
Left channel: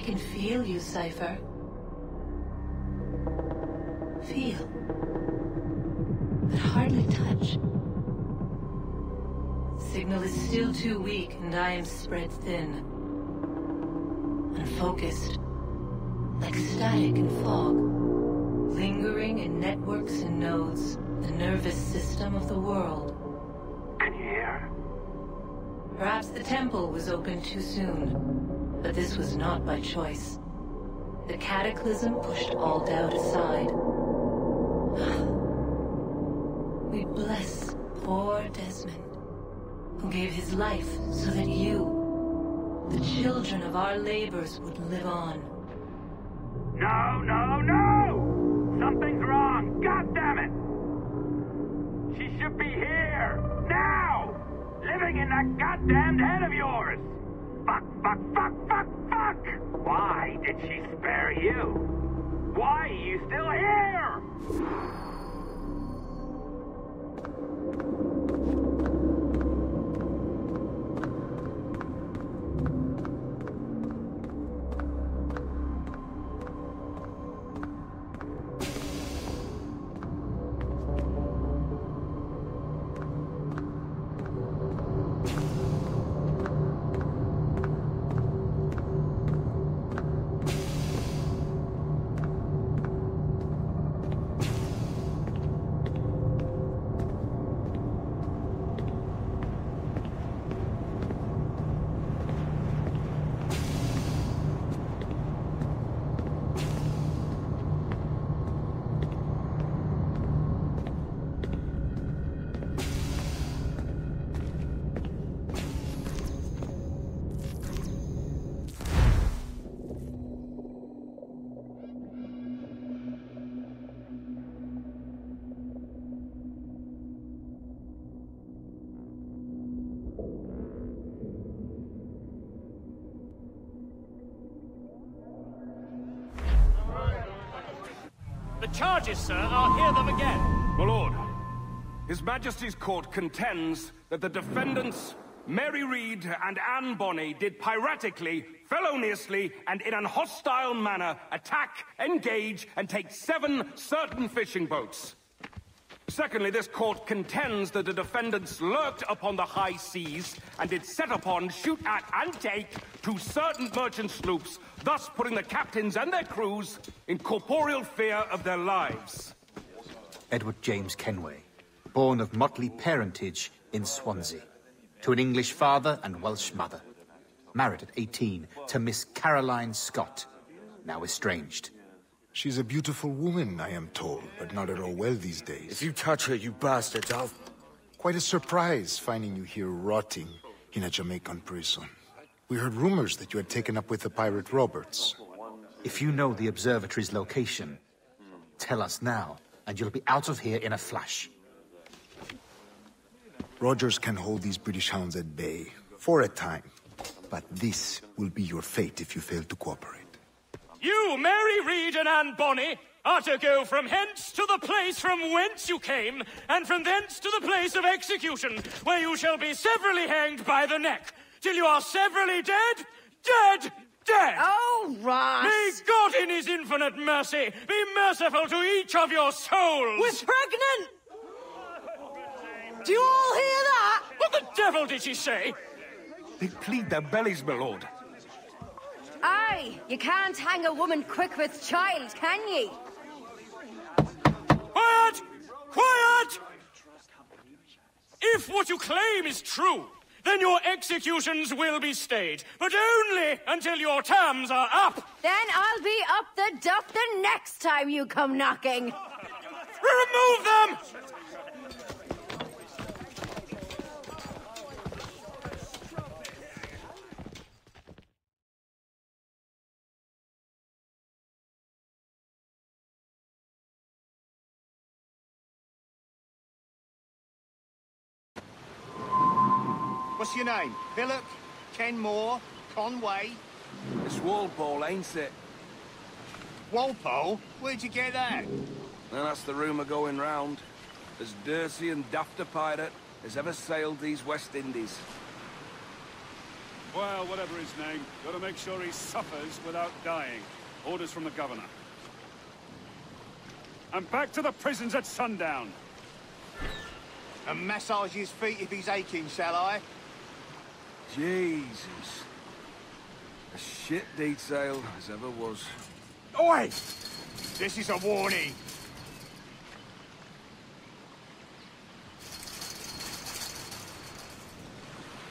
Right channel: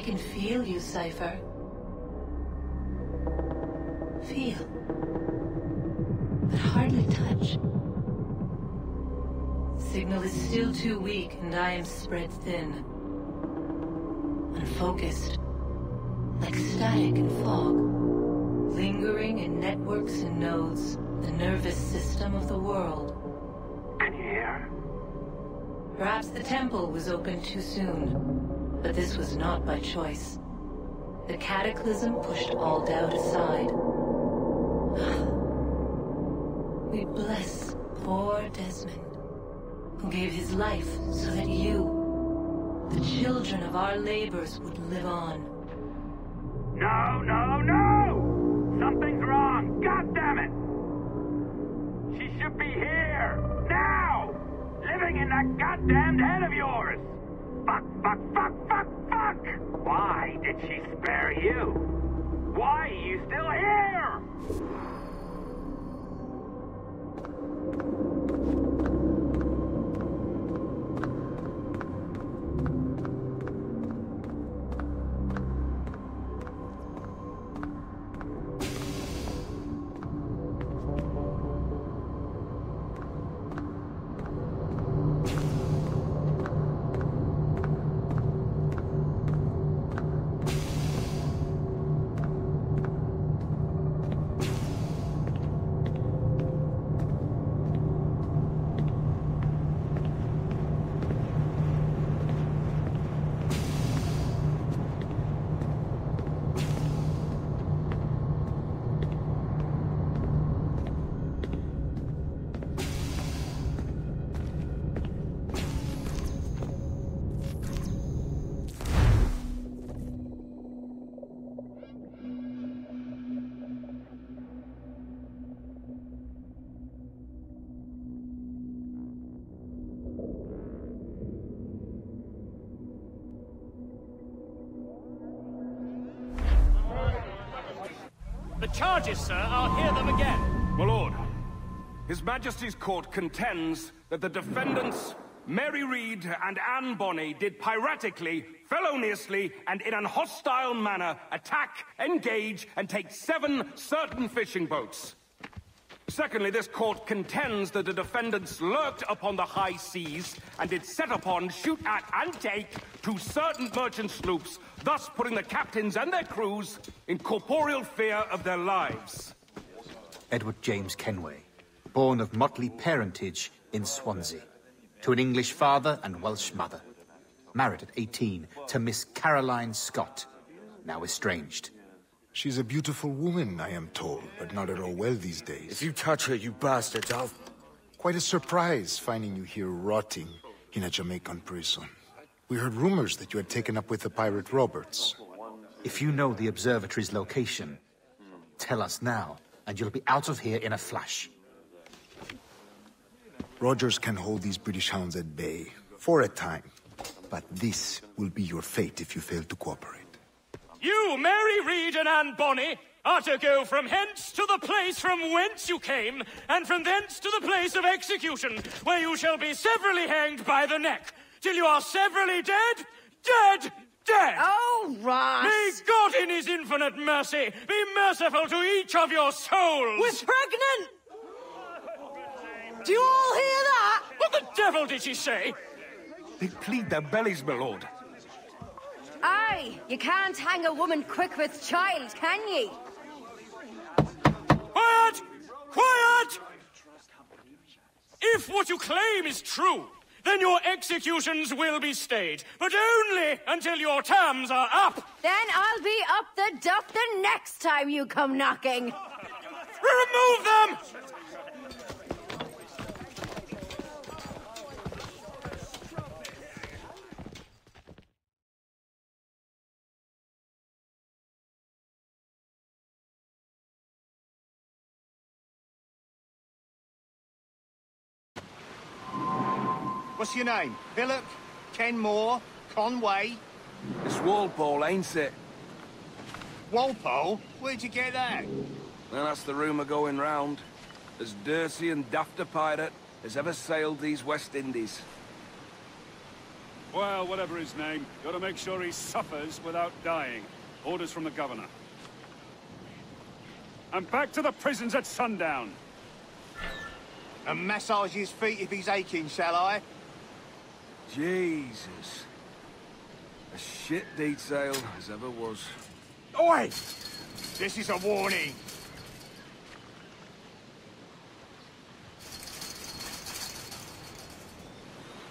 can feel you, Cypher. Feel. But hardly touch. Signal is still too weak, and I am spread thin. Unfocused. Like static in fog. Lingering in networks and nodes. The nervous system of the world. Can you hear? Perhaps the temple was opened too soon. But this was not by choice. The cataclysm pushed all doubt aside. We bless poor Desmond, who gave his life so that you, the children of our labors, would live on. No, no, no! Something's wrong! God damn it! She should be here! Now! Living in that goddamned head of yours! Fuck, fuck, fuck, fuck, fuck! Why did she spare you? Why are you still here? The charges, sir, I'll hear them again. My lord, His Majesty's court contends that the defendants, Mary Reed and Anne Bonny, did piratically, feloniously, and in an hostile manner attack, engage, and take 7 certain fishing boats. Secondly, this court contends that the defendants lurked upon the high seas and did set upon, shoot at, and take 2 certain merchant sloops, thus putting the captains and their crews in corporeal fear of their lives. Edward James Kenway, born of motley parentage in Swansea, to an English father and Welsh mother. Married at 18 to Miss Caroline Scott, now estranged. She's a beautiful woman, I am told, but not at all well these days. If you touch her, you bastards, I'll... Quite a surprise finding you here rotting in a Jamaican prison. We heard rumors that you had taken up with the pirate Roberts. If you know the observatory's location, tell us now, and you'll be out of here in a flash. Rogers can hold these British hounds at bay, for a time. But this will be your fate if you fail to cooperate. You, Mary Reed and Anne Bonny, are to go from hence to the place from whence you came, and from thence to the place of execution, where you shall be severally hanged by the neck, till you are severally dead, dead, dead! Oh, Ross! May God in his infinite mercy be merciful to each of your souls! We're pregnant! Do you all hear that? What the devil did she say? They plead their bellies, my lord. Aye, you can't hang a woman quick with child, can ye? Quiet! Quiet! If what you claim is true, then your executions will be stayed, but only until your terms are up. Then I'll be up the duff the next time you come knocking. Remove them! What's your name? Philip? Kenmore? Conway? It's Walpole, ain't it? Walpole? Where'd you get that? Well, that's the rumour going round. As dirty and daft a pirate as ever sailed these West Indies. Well, whatever his name, gotta make sure he suffers without dying. Orders from the governor. And back to the prisons at sundown. And massage his feet if he's aching, shall I? Jesus. A shit detail as ever was. Oi! This is a warning.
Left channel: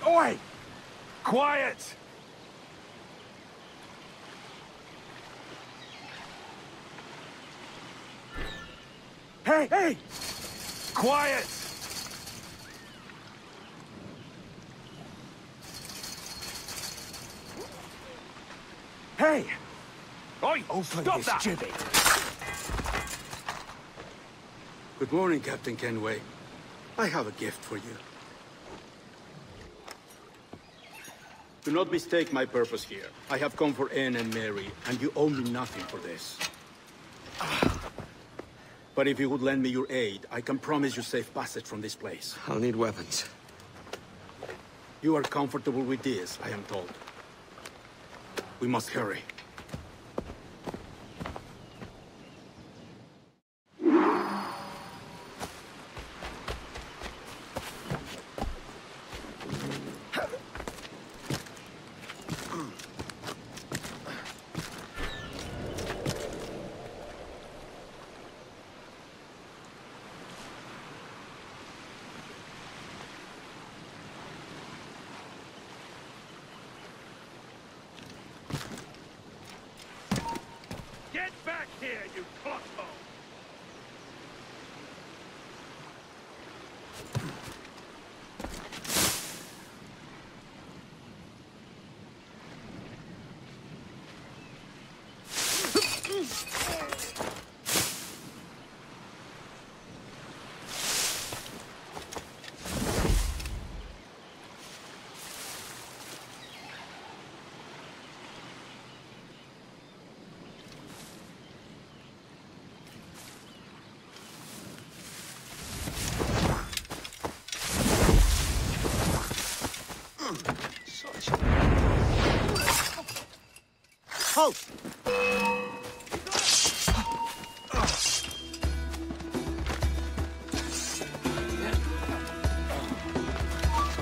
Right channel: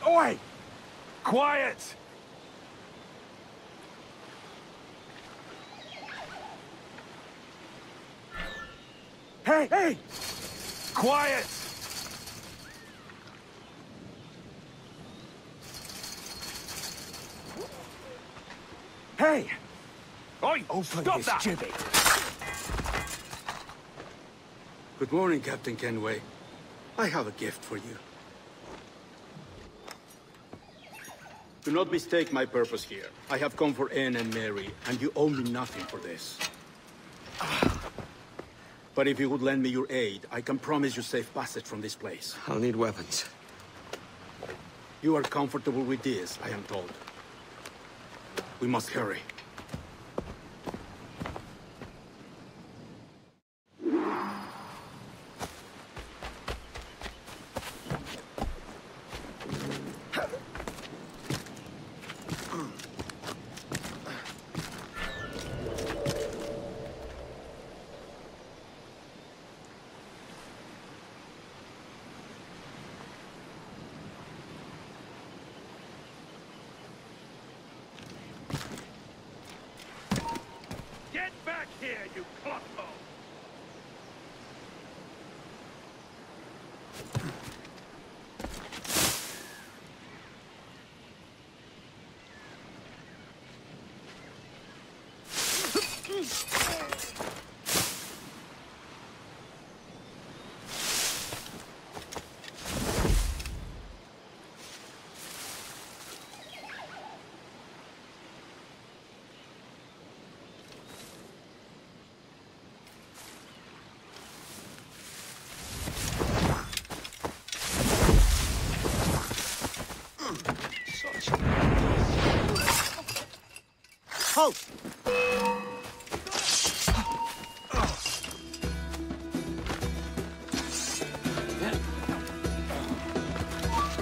Oi! Quiet! Hey, hey! Quiet! Hey! Oi! Open Stop this that! gibbet. Good morning, Captain Kenway. I have a gift for you. Do not mistake my purpose here. I have come for Anne and Mary, and you owe me nothing for this. But if you would lend me your aid, I can promise you safe passage from this place. I'll need weapons. You are comfortable with this, I am told. We must hurry. Get back here, you clotthole! Halt!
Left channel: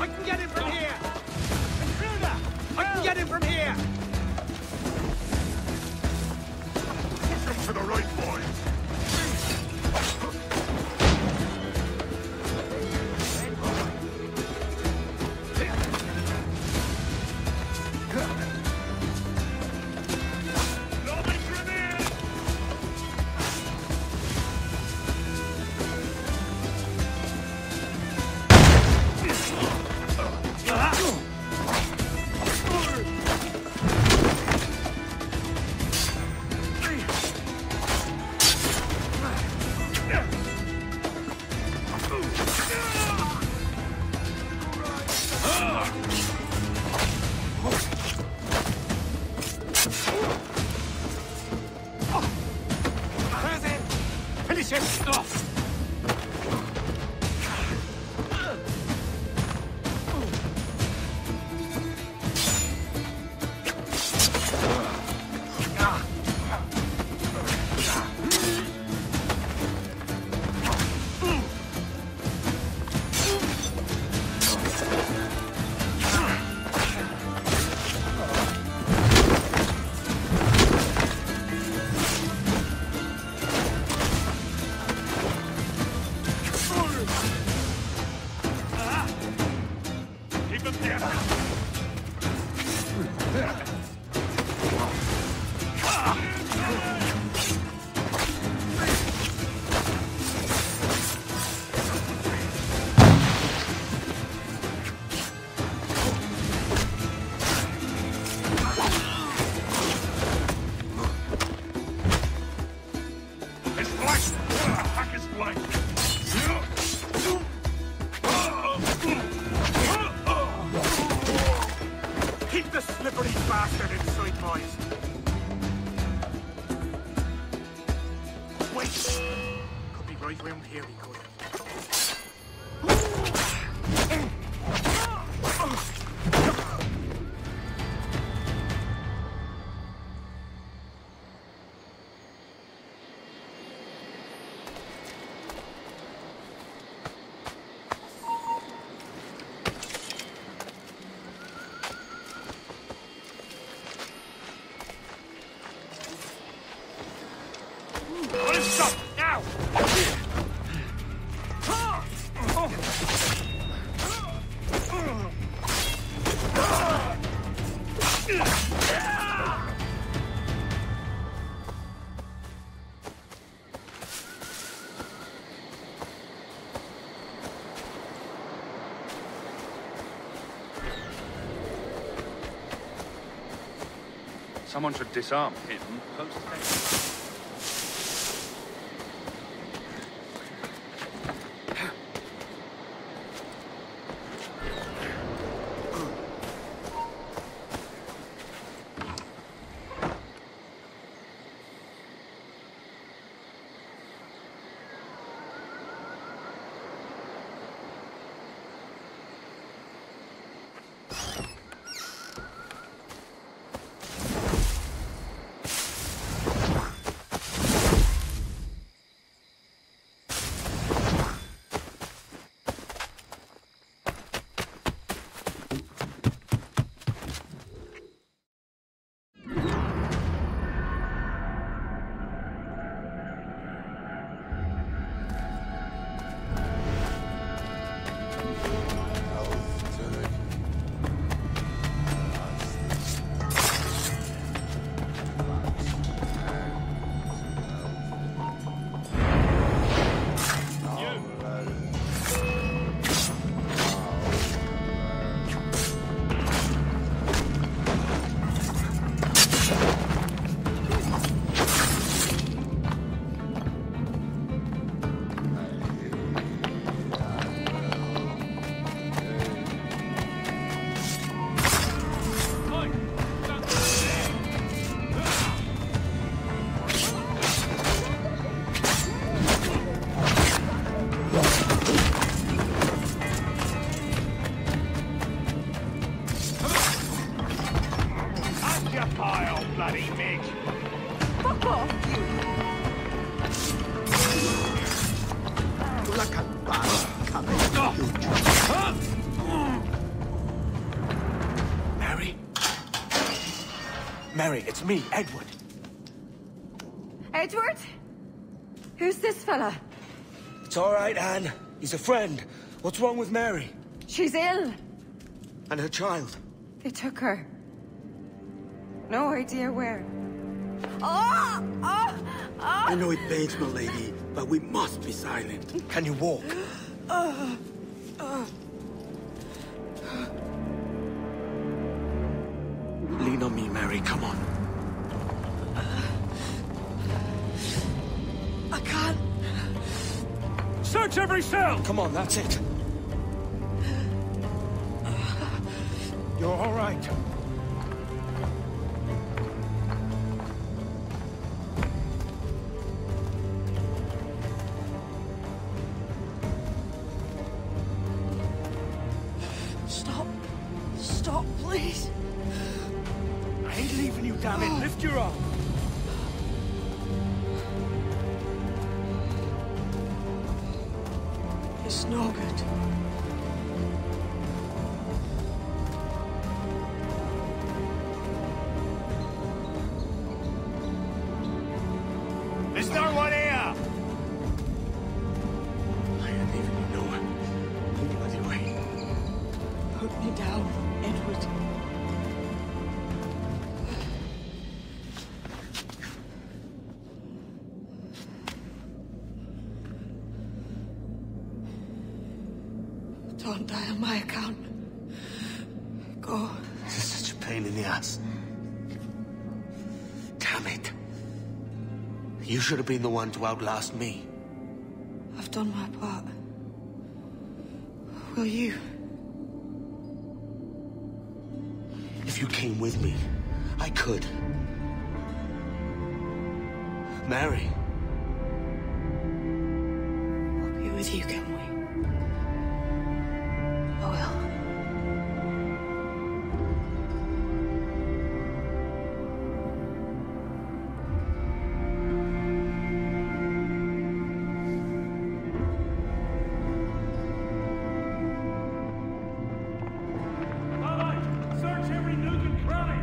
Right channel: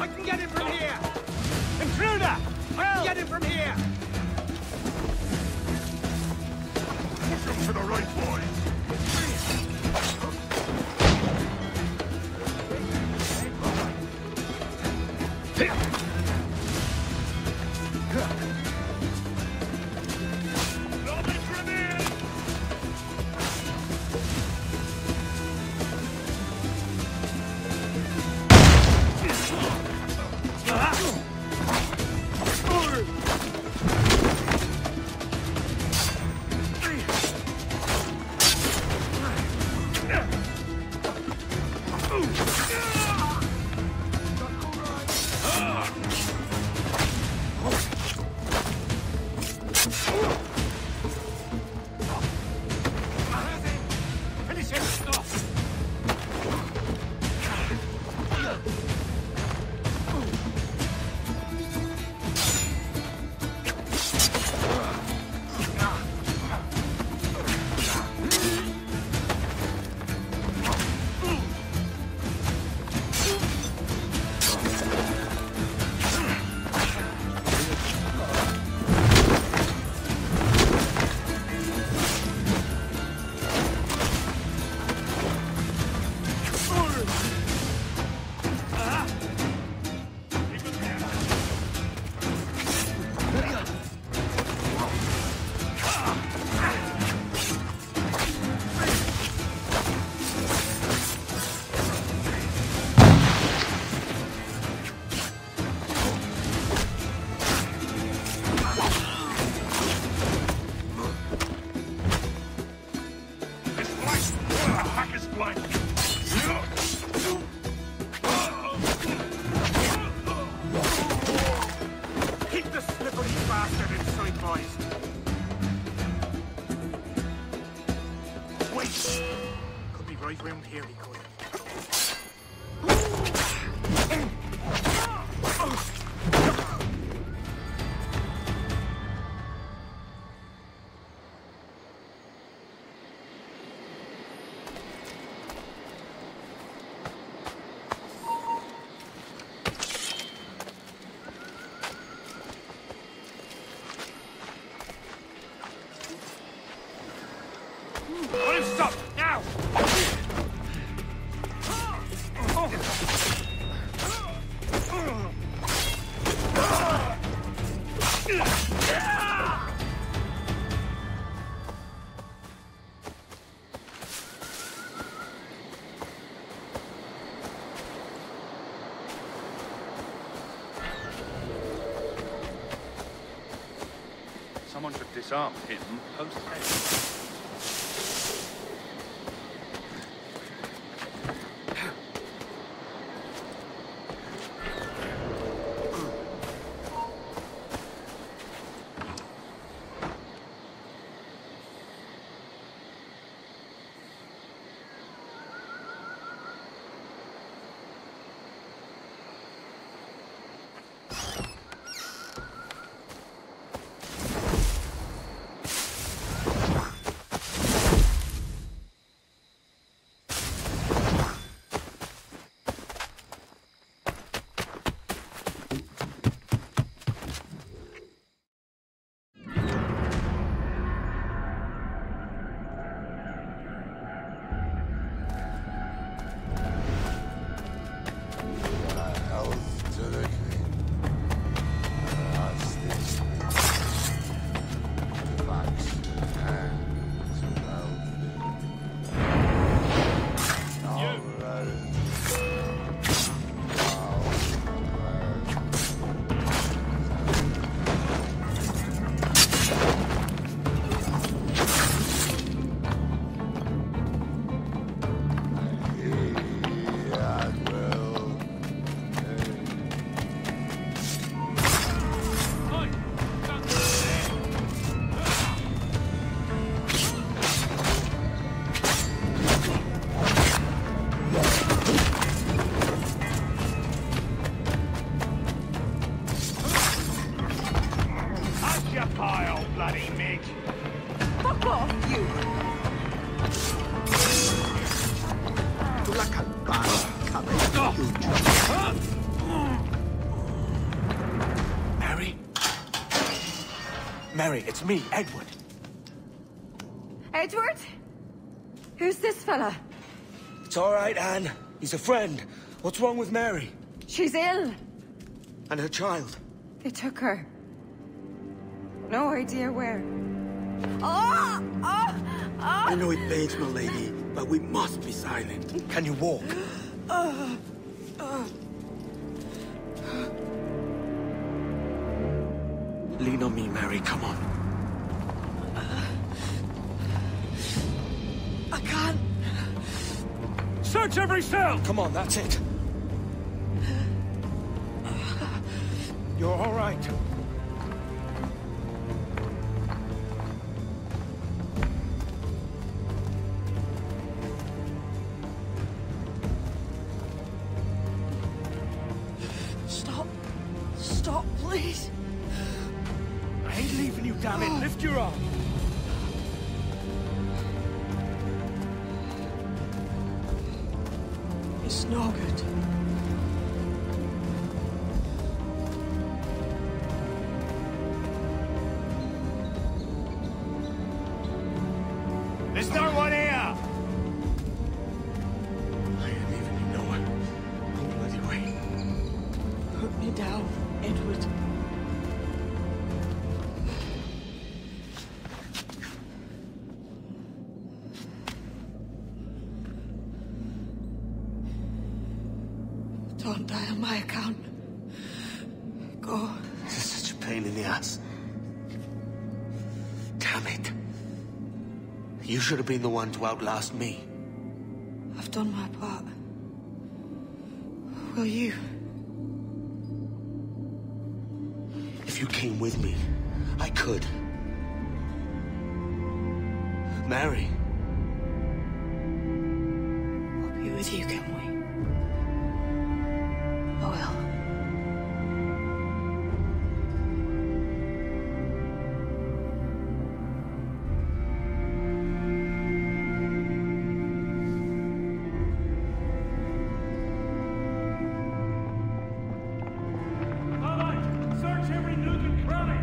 I can get him from here! Intruder! I can get him from here! Push him to the right, boys! Finish him! Keep him there! His flank! Hack his flank! Keep the slippery bastard inside, boys! Wait! Could be right round here, he could. Someone should disarm. Pile, bloody Mig! Fuck off, you! Mary? Mary, it's me, Edward. Edward? Who's this fella? It's all right, Anne. He's a friend. What's wrong with Mary? She's ill. And her child? They took her. No idea where. Oh! Oh! Oh! I know it pains, my lady, but we must be silent. Can you walk? Lean on me, Mary. Come on. I can't. Search every cell! Come on, that's it. You're all right. Stop. Stop, please. I ain't leaving you, damn it. Lift your arm. It's no good. There's no one here! I ain't leaving you nowhere. No bloody way. Put me down, Edward. Don't die on my account. Go. This is such a pain in the ass. Damn it. You should have been the one to outlast me. I've done my part. Will you? If you came with me, I could. Mary. I'll be with you, can we? I will. Search every nook and cranny!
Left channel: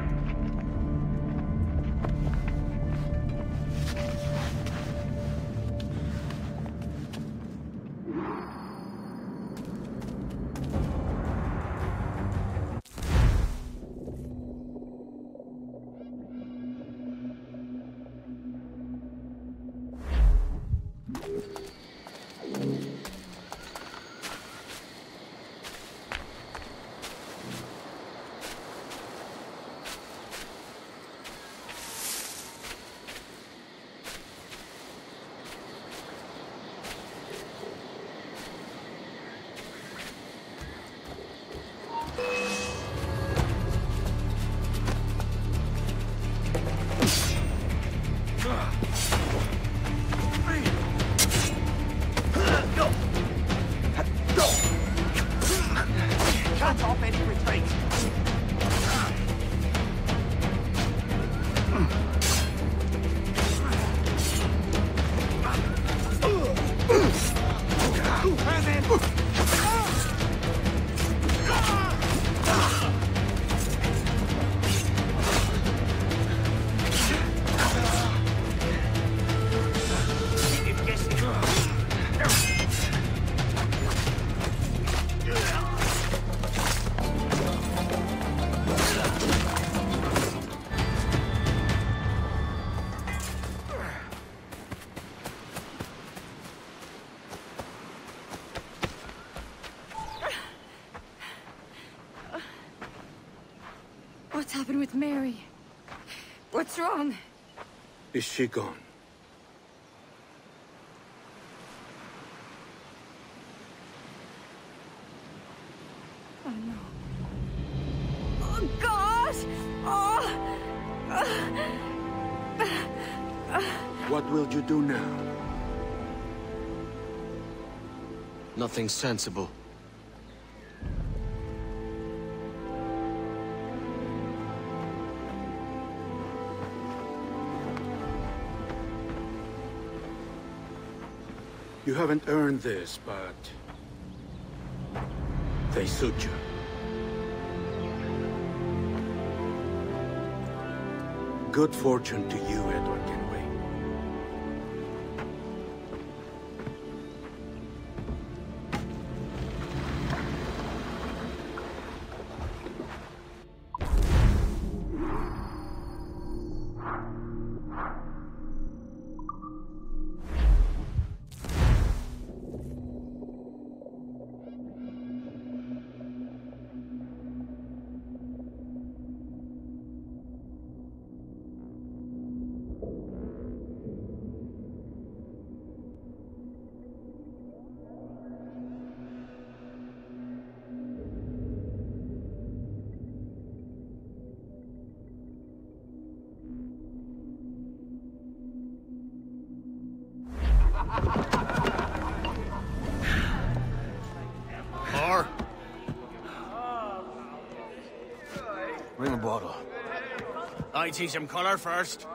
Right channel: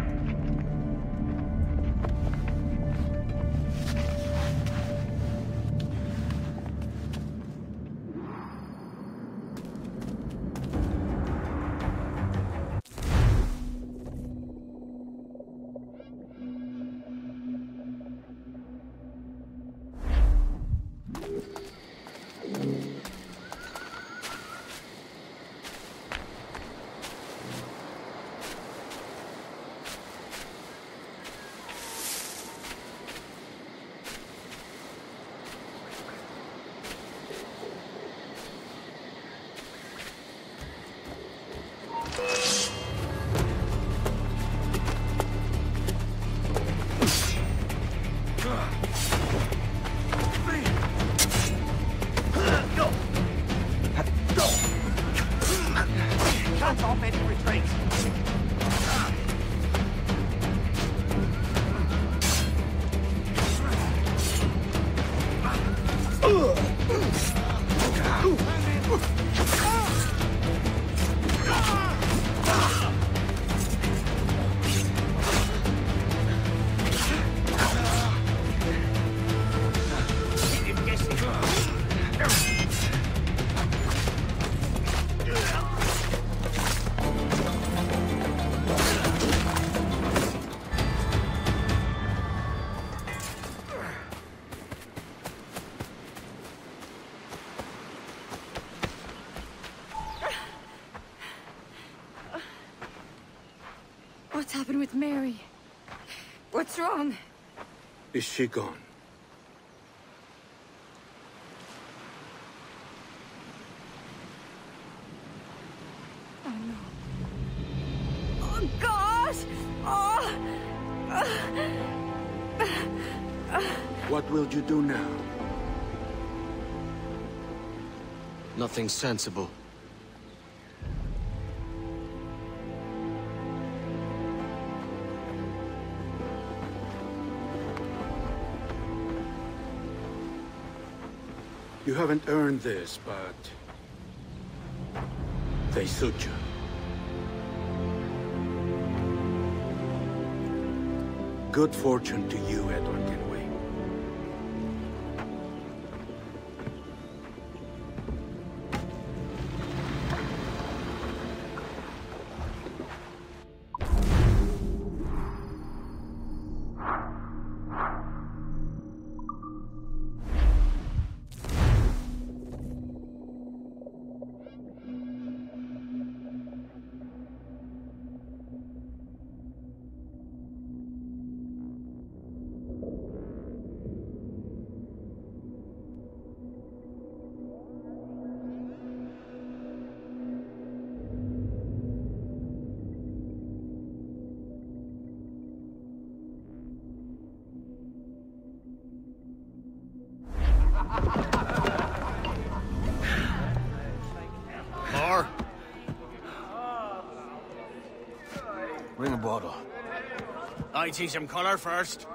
happened with Mary? What's wrong? Is she gone? Oh, no. Oh, God! Oh! What will you do now? Nothing sensible. You haven't earned this, but... they suit you. Good fortune to you, Edward Kenway. More? Bring a bottle. I teach him color first.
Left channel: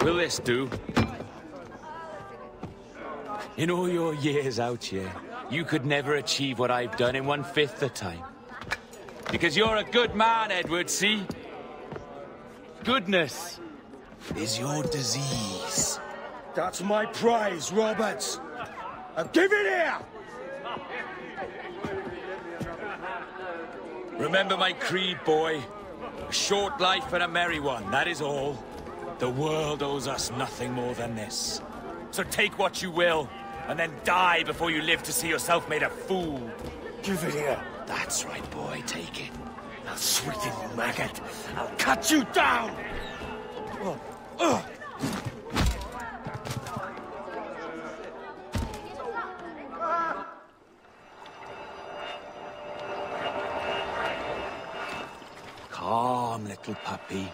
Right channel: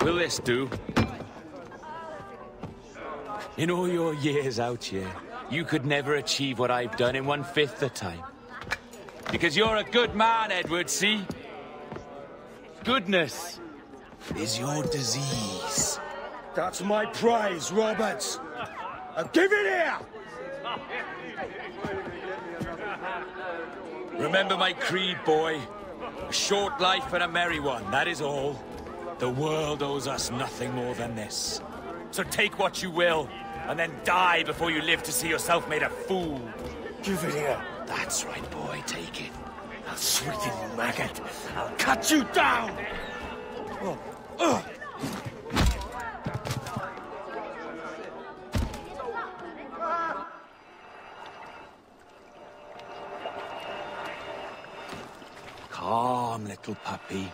Will this do? In all your years out here, you could never achieve what I've done in 1/5 the time. Because you're a good man, Edward, see? Goodness is your disease. That's my prize, Roberts. Now give it here! Remember my creed, boy. A short life and a merry one, that is all. The world owes us nothing more than this. So take what you will, and then die before you live to see yourself made a fool. Give it here. That's right, boy, take it. I'll sweeten you, maggot. I'll cut you down! Calm, little puppy,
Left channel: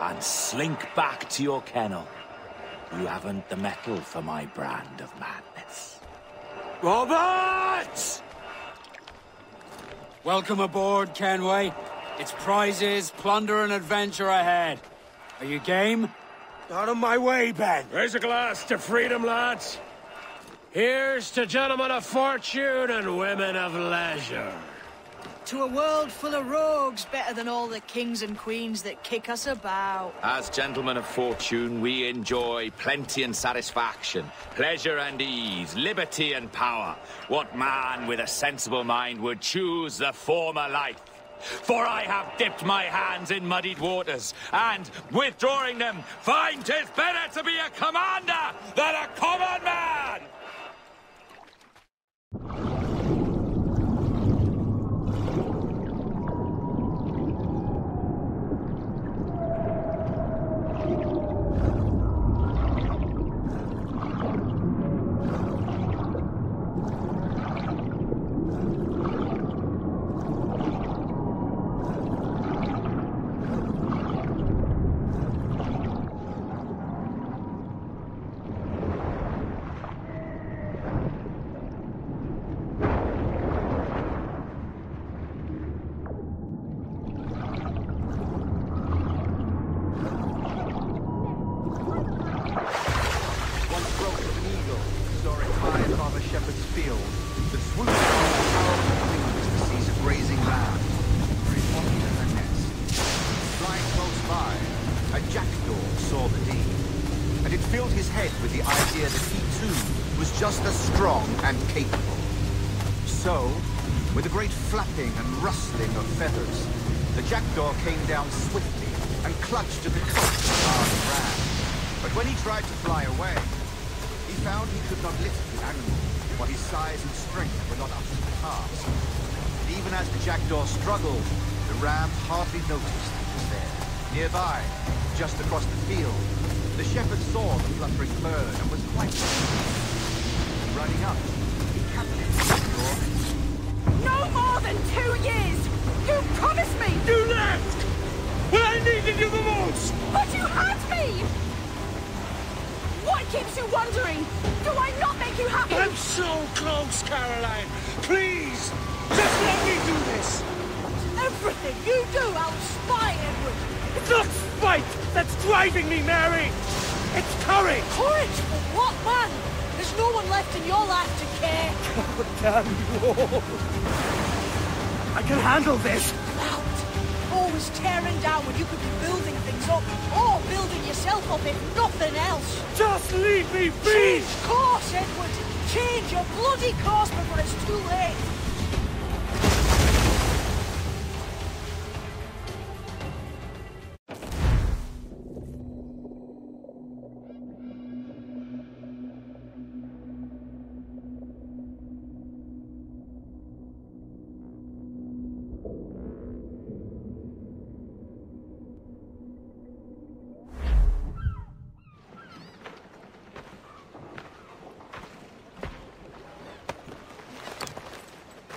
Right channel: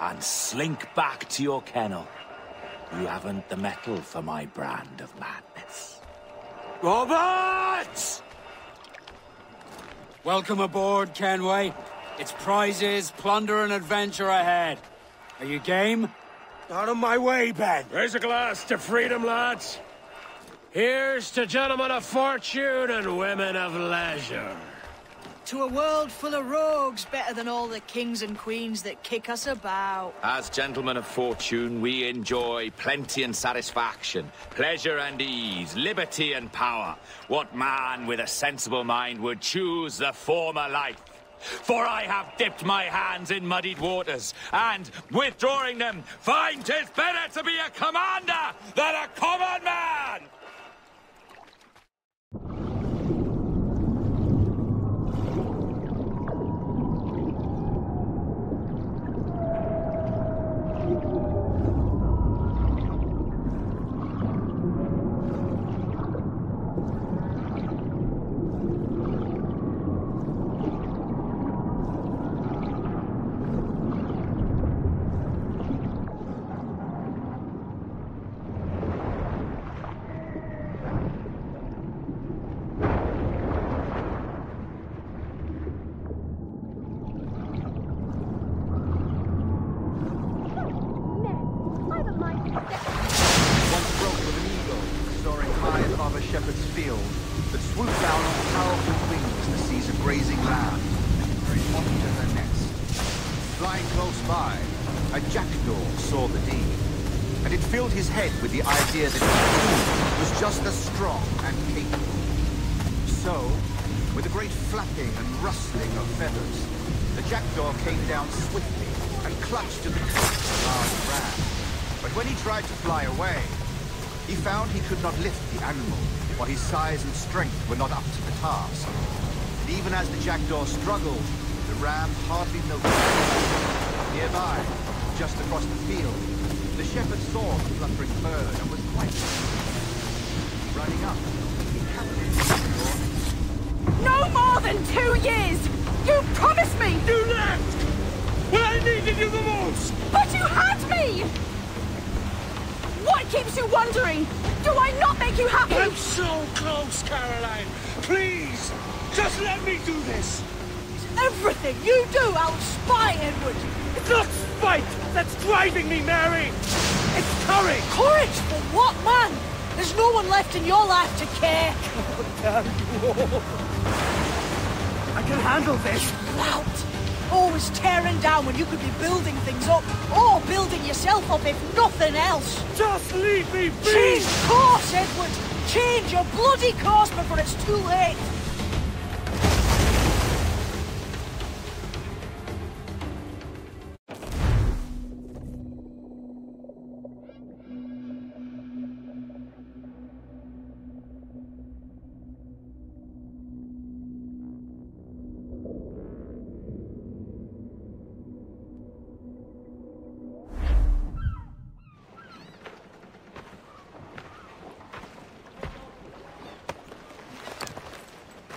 and slink back to your kennel. You haven't the mettle for my brand of madness. Roberts! Welcome aboard, Kenway. It's prizes, plunder, and adventure ahead. Are you game? Out of my way, Ben. Raise a glass to freedom, lads. Here's to gentlemen of fortune and women of leisure. To a world full of rogues, better than all the kings and queens that kick us about. As gentlemen of fortune, we enjoy plenty and satisfaction, pleasure and ease, liberty and power. What man with a sensible mind would choose the former life? For I have dipped my hands in muddied waters, and, withdrawing them, find 'tis better to be a commander than a common man! shepherd's field that swooped down on powerful wings to seize a grazing lamb, very often a nest. Flying close by, a jackdaw saw the deed, and it filled his head with the idea that he too was just as strong and capable. So, with a great flapping and rustling of feathers, the jackdaw turned down his whip and crushed the fly away. found he could not lift the animal, for his size and strength were not up to the task. Even as the jackdaw struggled, No more than 2 years! You promised me! You left! When I needed you the most! But you had me! What keeps you wondering? Do I not make you happy? I'm so close, Caroline! Please! Just let me do this! Everything you do out of spite, Edward! It's not spite that's driving me, Mary! It's courage! Courage for what, man? There's no one left in your life to care. God damn you all! I can handle this! Loud! Always tearing down when you could be building things up, or building yourself up if nothing else. Just leave me be! Change course, Edward! Change your bloody course before it's too late!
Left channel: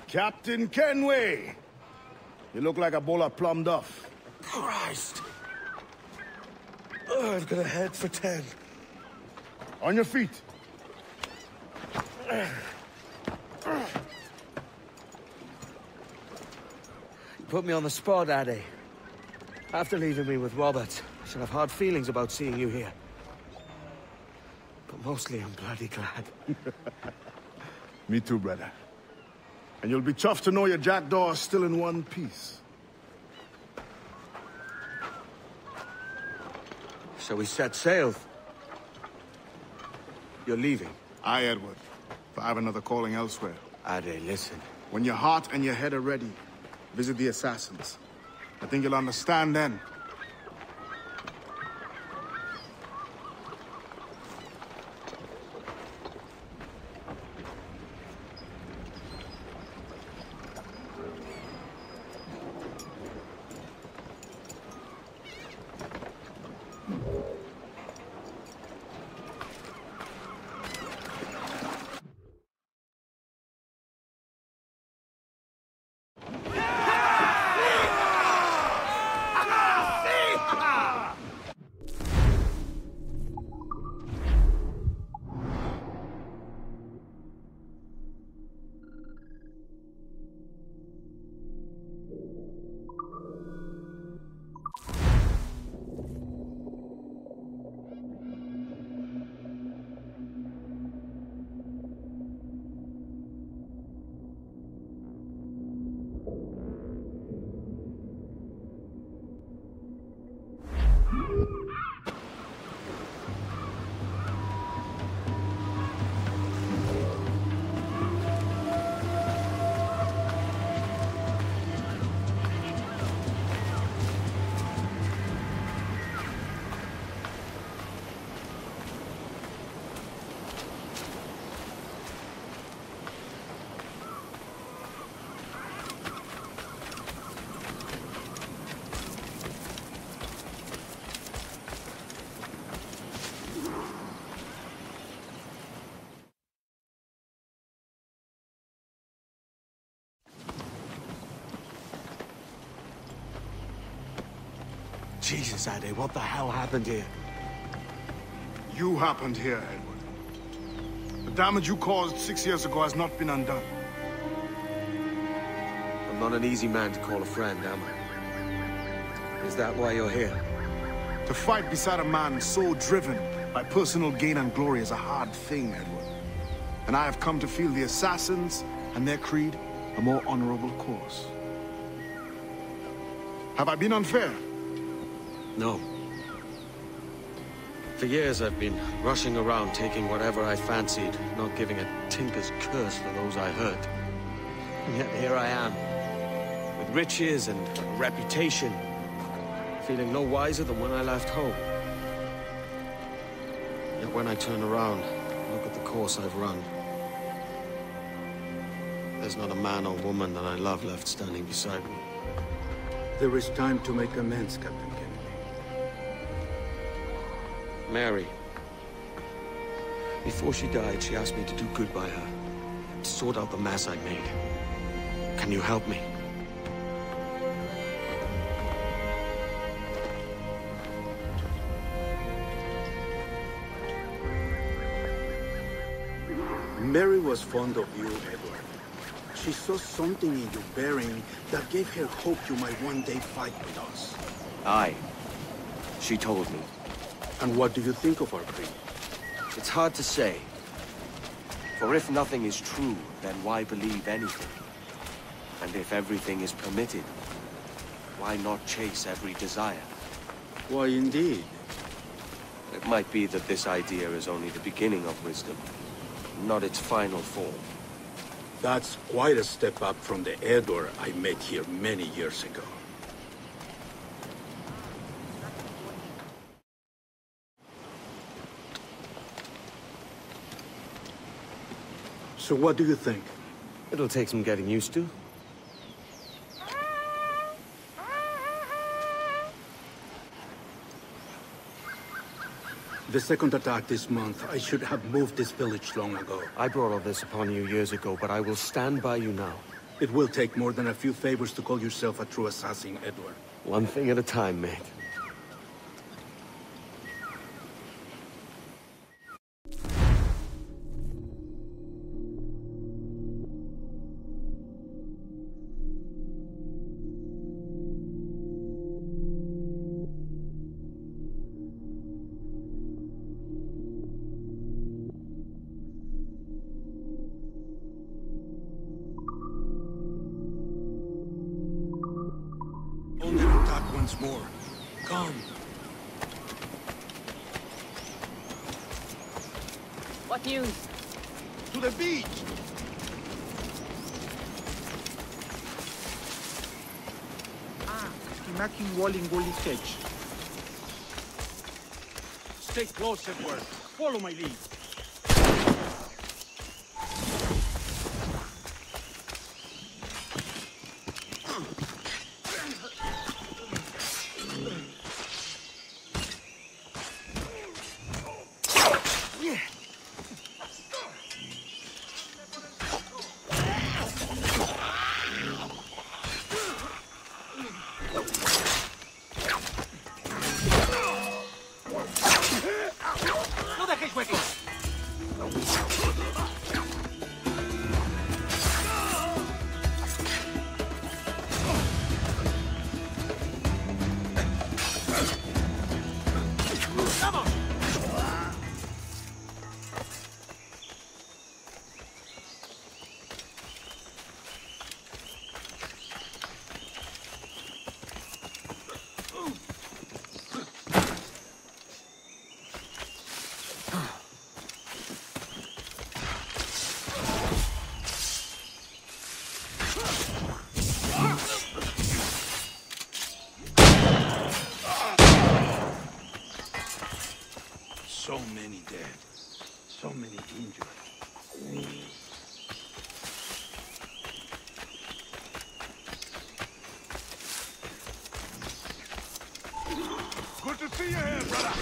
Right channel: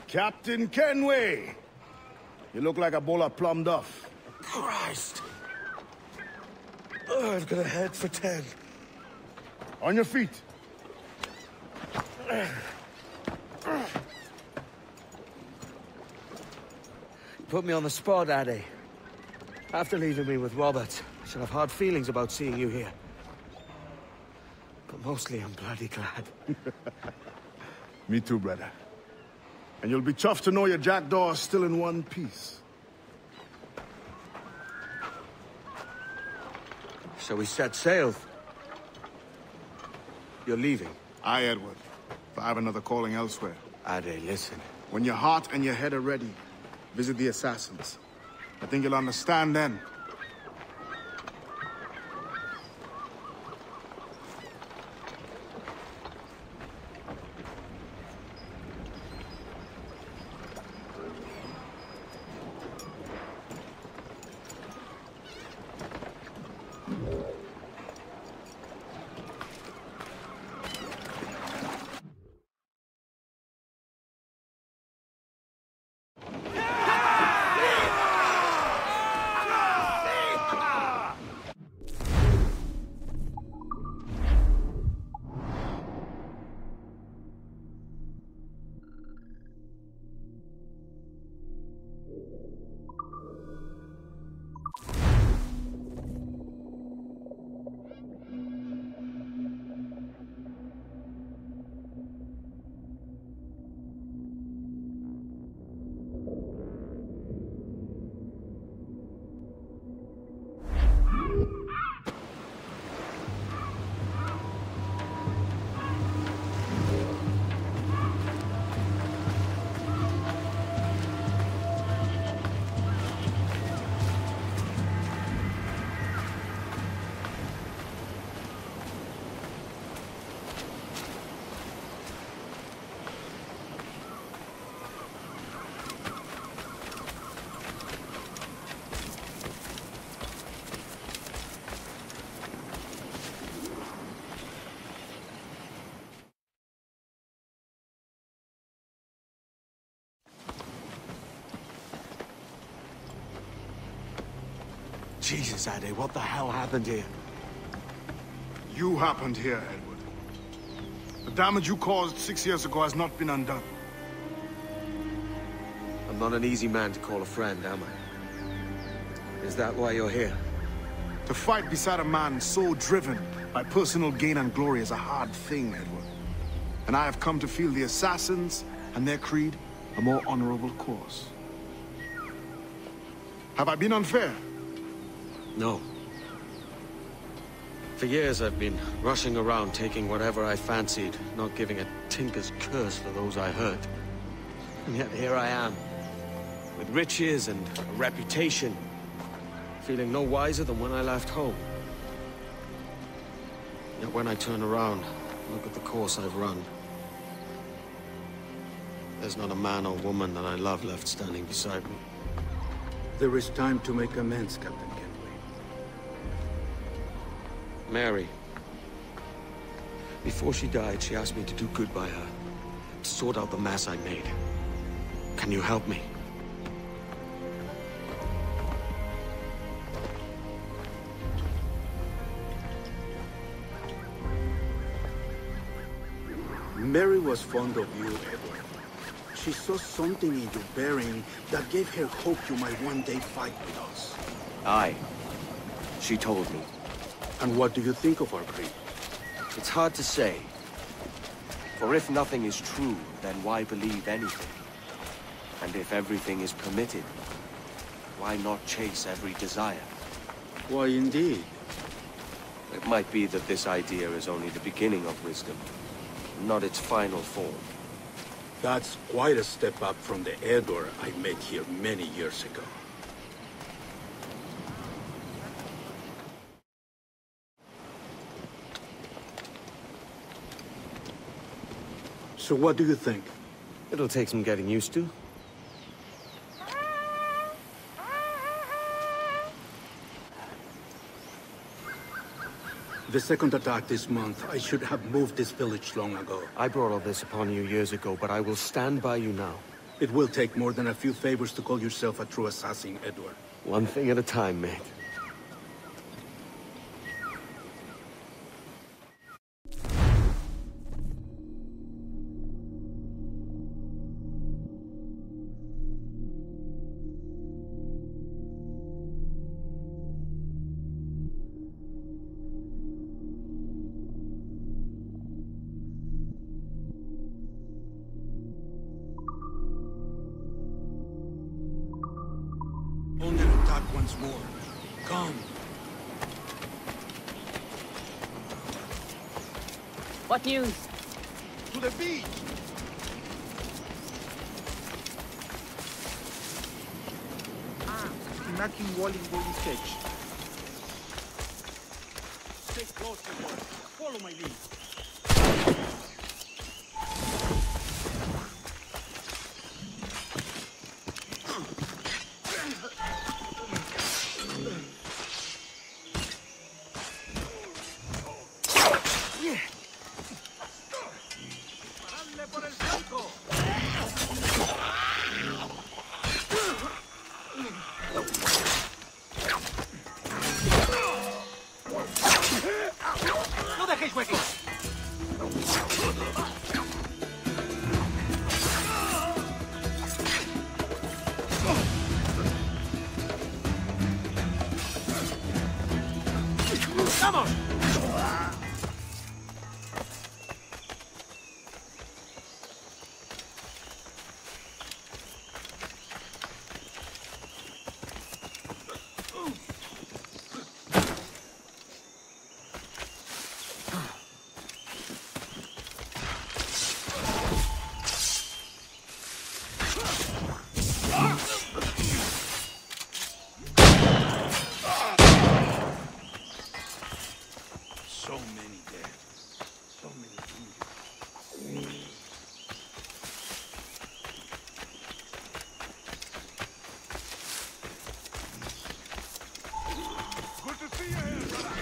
Captain Kenway! You look like a bowl of plum duff. Christ! Oh, I've got a head for 10. On your feet. You put me on the spot, Addy. After leaving me with Robert, I should have hard feelings about seeing you here. But mostly I'm bloody glad. Me too, brother. And you'll be chuffed to know your jackdaw is still in one piece. So we set sail. You're leaving? Aye, Edward. But I have another calling elsewhere. Ade, listen. When your heart and your head are ready, visit the assassins. I think you'll understand then. Jesus, Ade, what the hell happened here? You happened here, Edward. The damage you caused 6 years ago has not been undone. I'm not an easy man to call a friend, am I? Is that why you're here? To fight beside a man so driven by personal gain and glory is a hard thing, Edward. And I have come to feel the assassins and their creed a more honorable course. Have I been unfair? No. For years I've been rushing around taking whatever I fancied, not giving a tinker's curse for those I hurt. And yet here I am, with riches and a reputation, feeling no wiser than when I left home. Yet when I turn around, Look at the course I've run. There's not a man or woman that I love left standing beside me. There is time to make amends, Captain Kenway. Mary. Before she died, she asked me to do good by her. To sort out the mess I made. Can you help me? Mary was fond of you, Edward. She saw something in your bearing that gave her hope you might one day fight with us. Aye. She told me. And what do you think of our creed? It's hard to say. For if nothing is true, then why believe anything? And if everything is permitted, why not chase every desire? Why, indeed. It might be that this idea is only the beginning of wisdom, not its final form. That's quite a step up from the Edward I met here many years ago. So what do you think? It'll take some getting used to. The second attack this month, I should have moved this village long ago. I brought all this upon you years ago, but I will stand by you now. It will take more than a few favors to call yourself a true assassin, Edward. One thing at a time, mate. Under attack once more. Come. What news? To the beach! Hinaking walling Golite. Stay close, Edward. Follow my lead. So many dead. So many injured. Good to see you here, brother.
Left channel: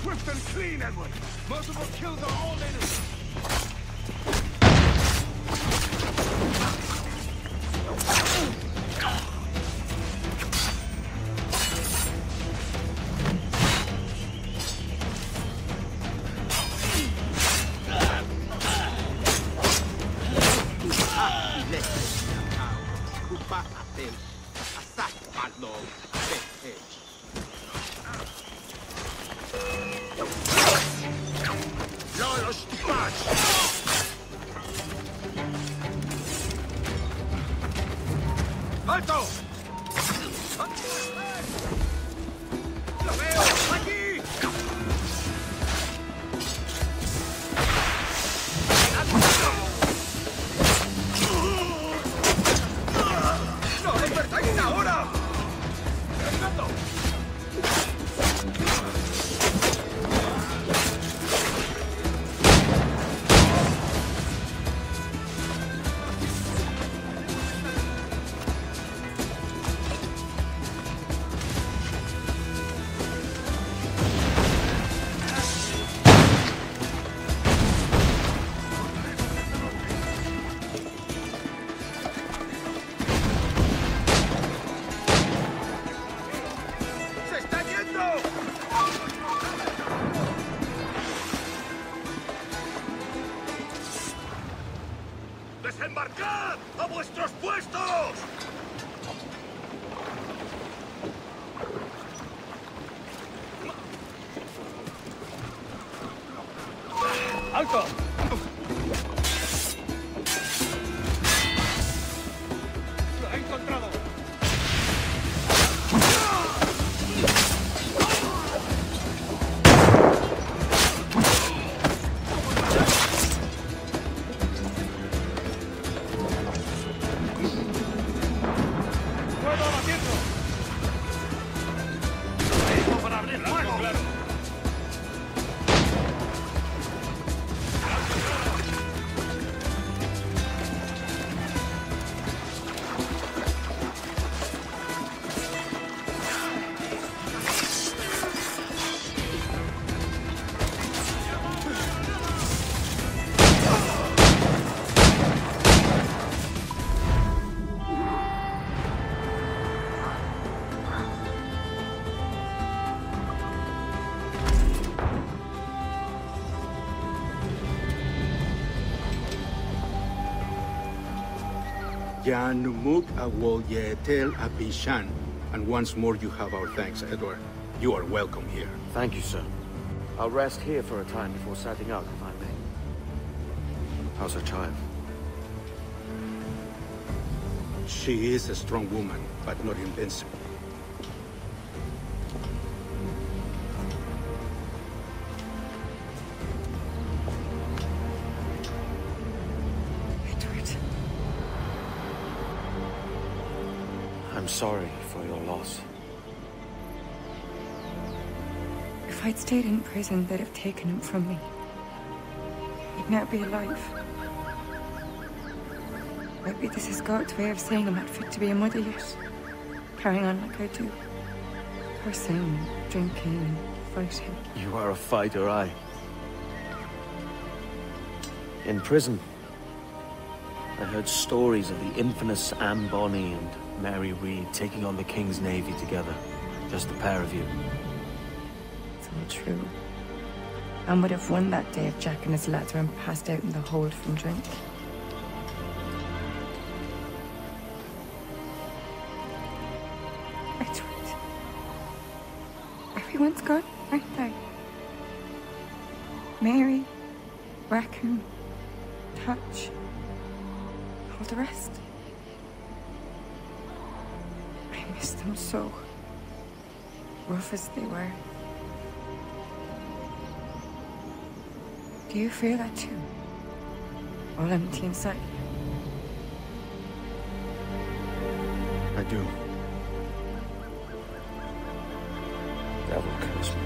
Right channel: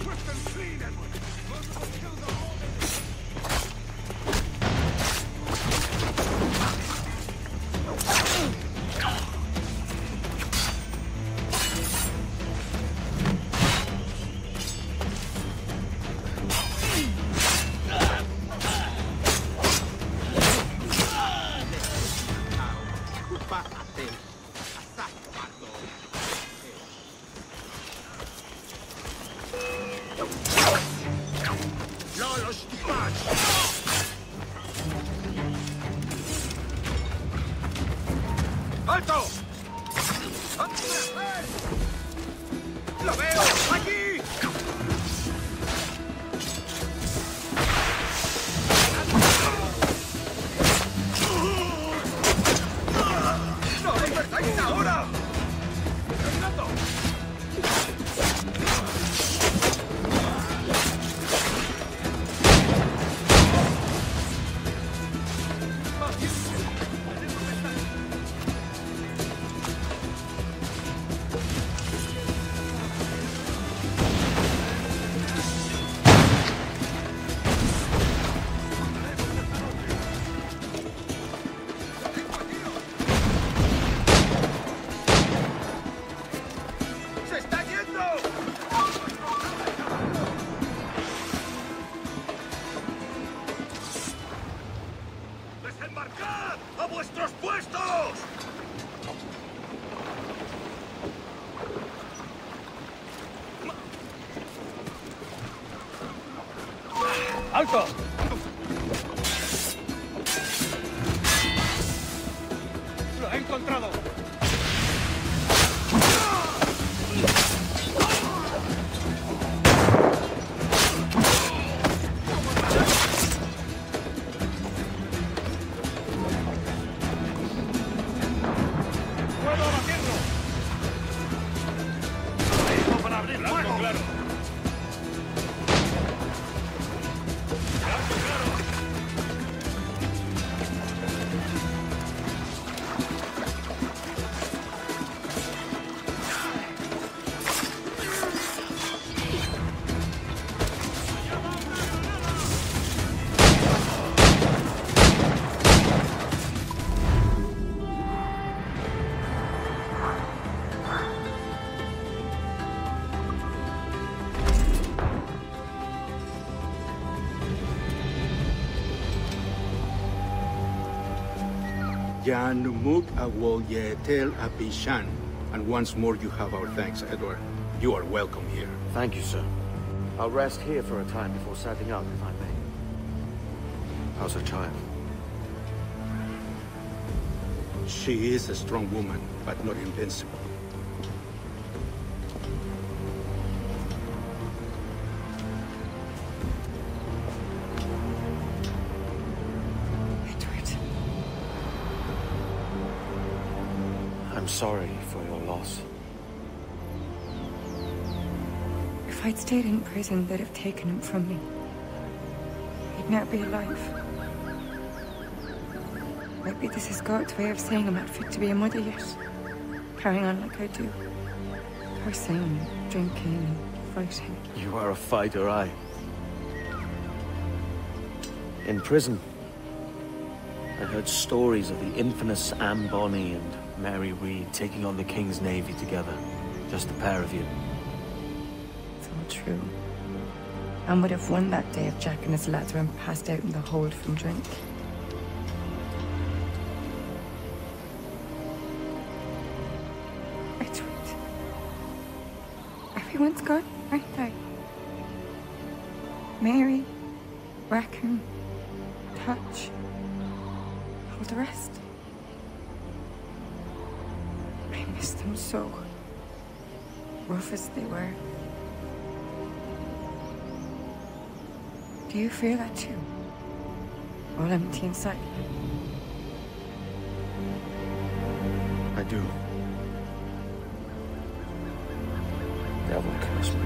Swift and clean, Edward. Multiple kills are all enemies. ¡Alto! Yanumuk Awol Yetel Abishan. And once more you have our thanks, Edward. You are welcome here. Thank you, sir. I'll rest here for a time before setting out, if I may. How's her child? She is a strong woman, but not invincible. I'm sorry for your loss. If I'd stayed in prison, they'd have taken him from me. He'd now be alive. Maybe this is God's way of saying I'm not fit to be a mother yet. Carrying on like I do. Cursing and drinking and fighting. You are a fighter, aye. In prison, I heard stories of the infamous Anne Bonny and Mary Read taking on the King's Navy together. Just the pair of you. It's all true. Anne would have won that day if Jack and his lads weren't passed out in the hold from drink. Edward. Everyone's gone, aren't they? Mary, Rackham, Touch, all the rest. I miss them so. Rough as they were. Do you feel that too? All empty inside? I do. Devil curse me.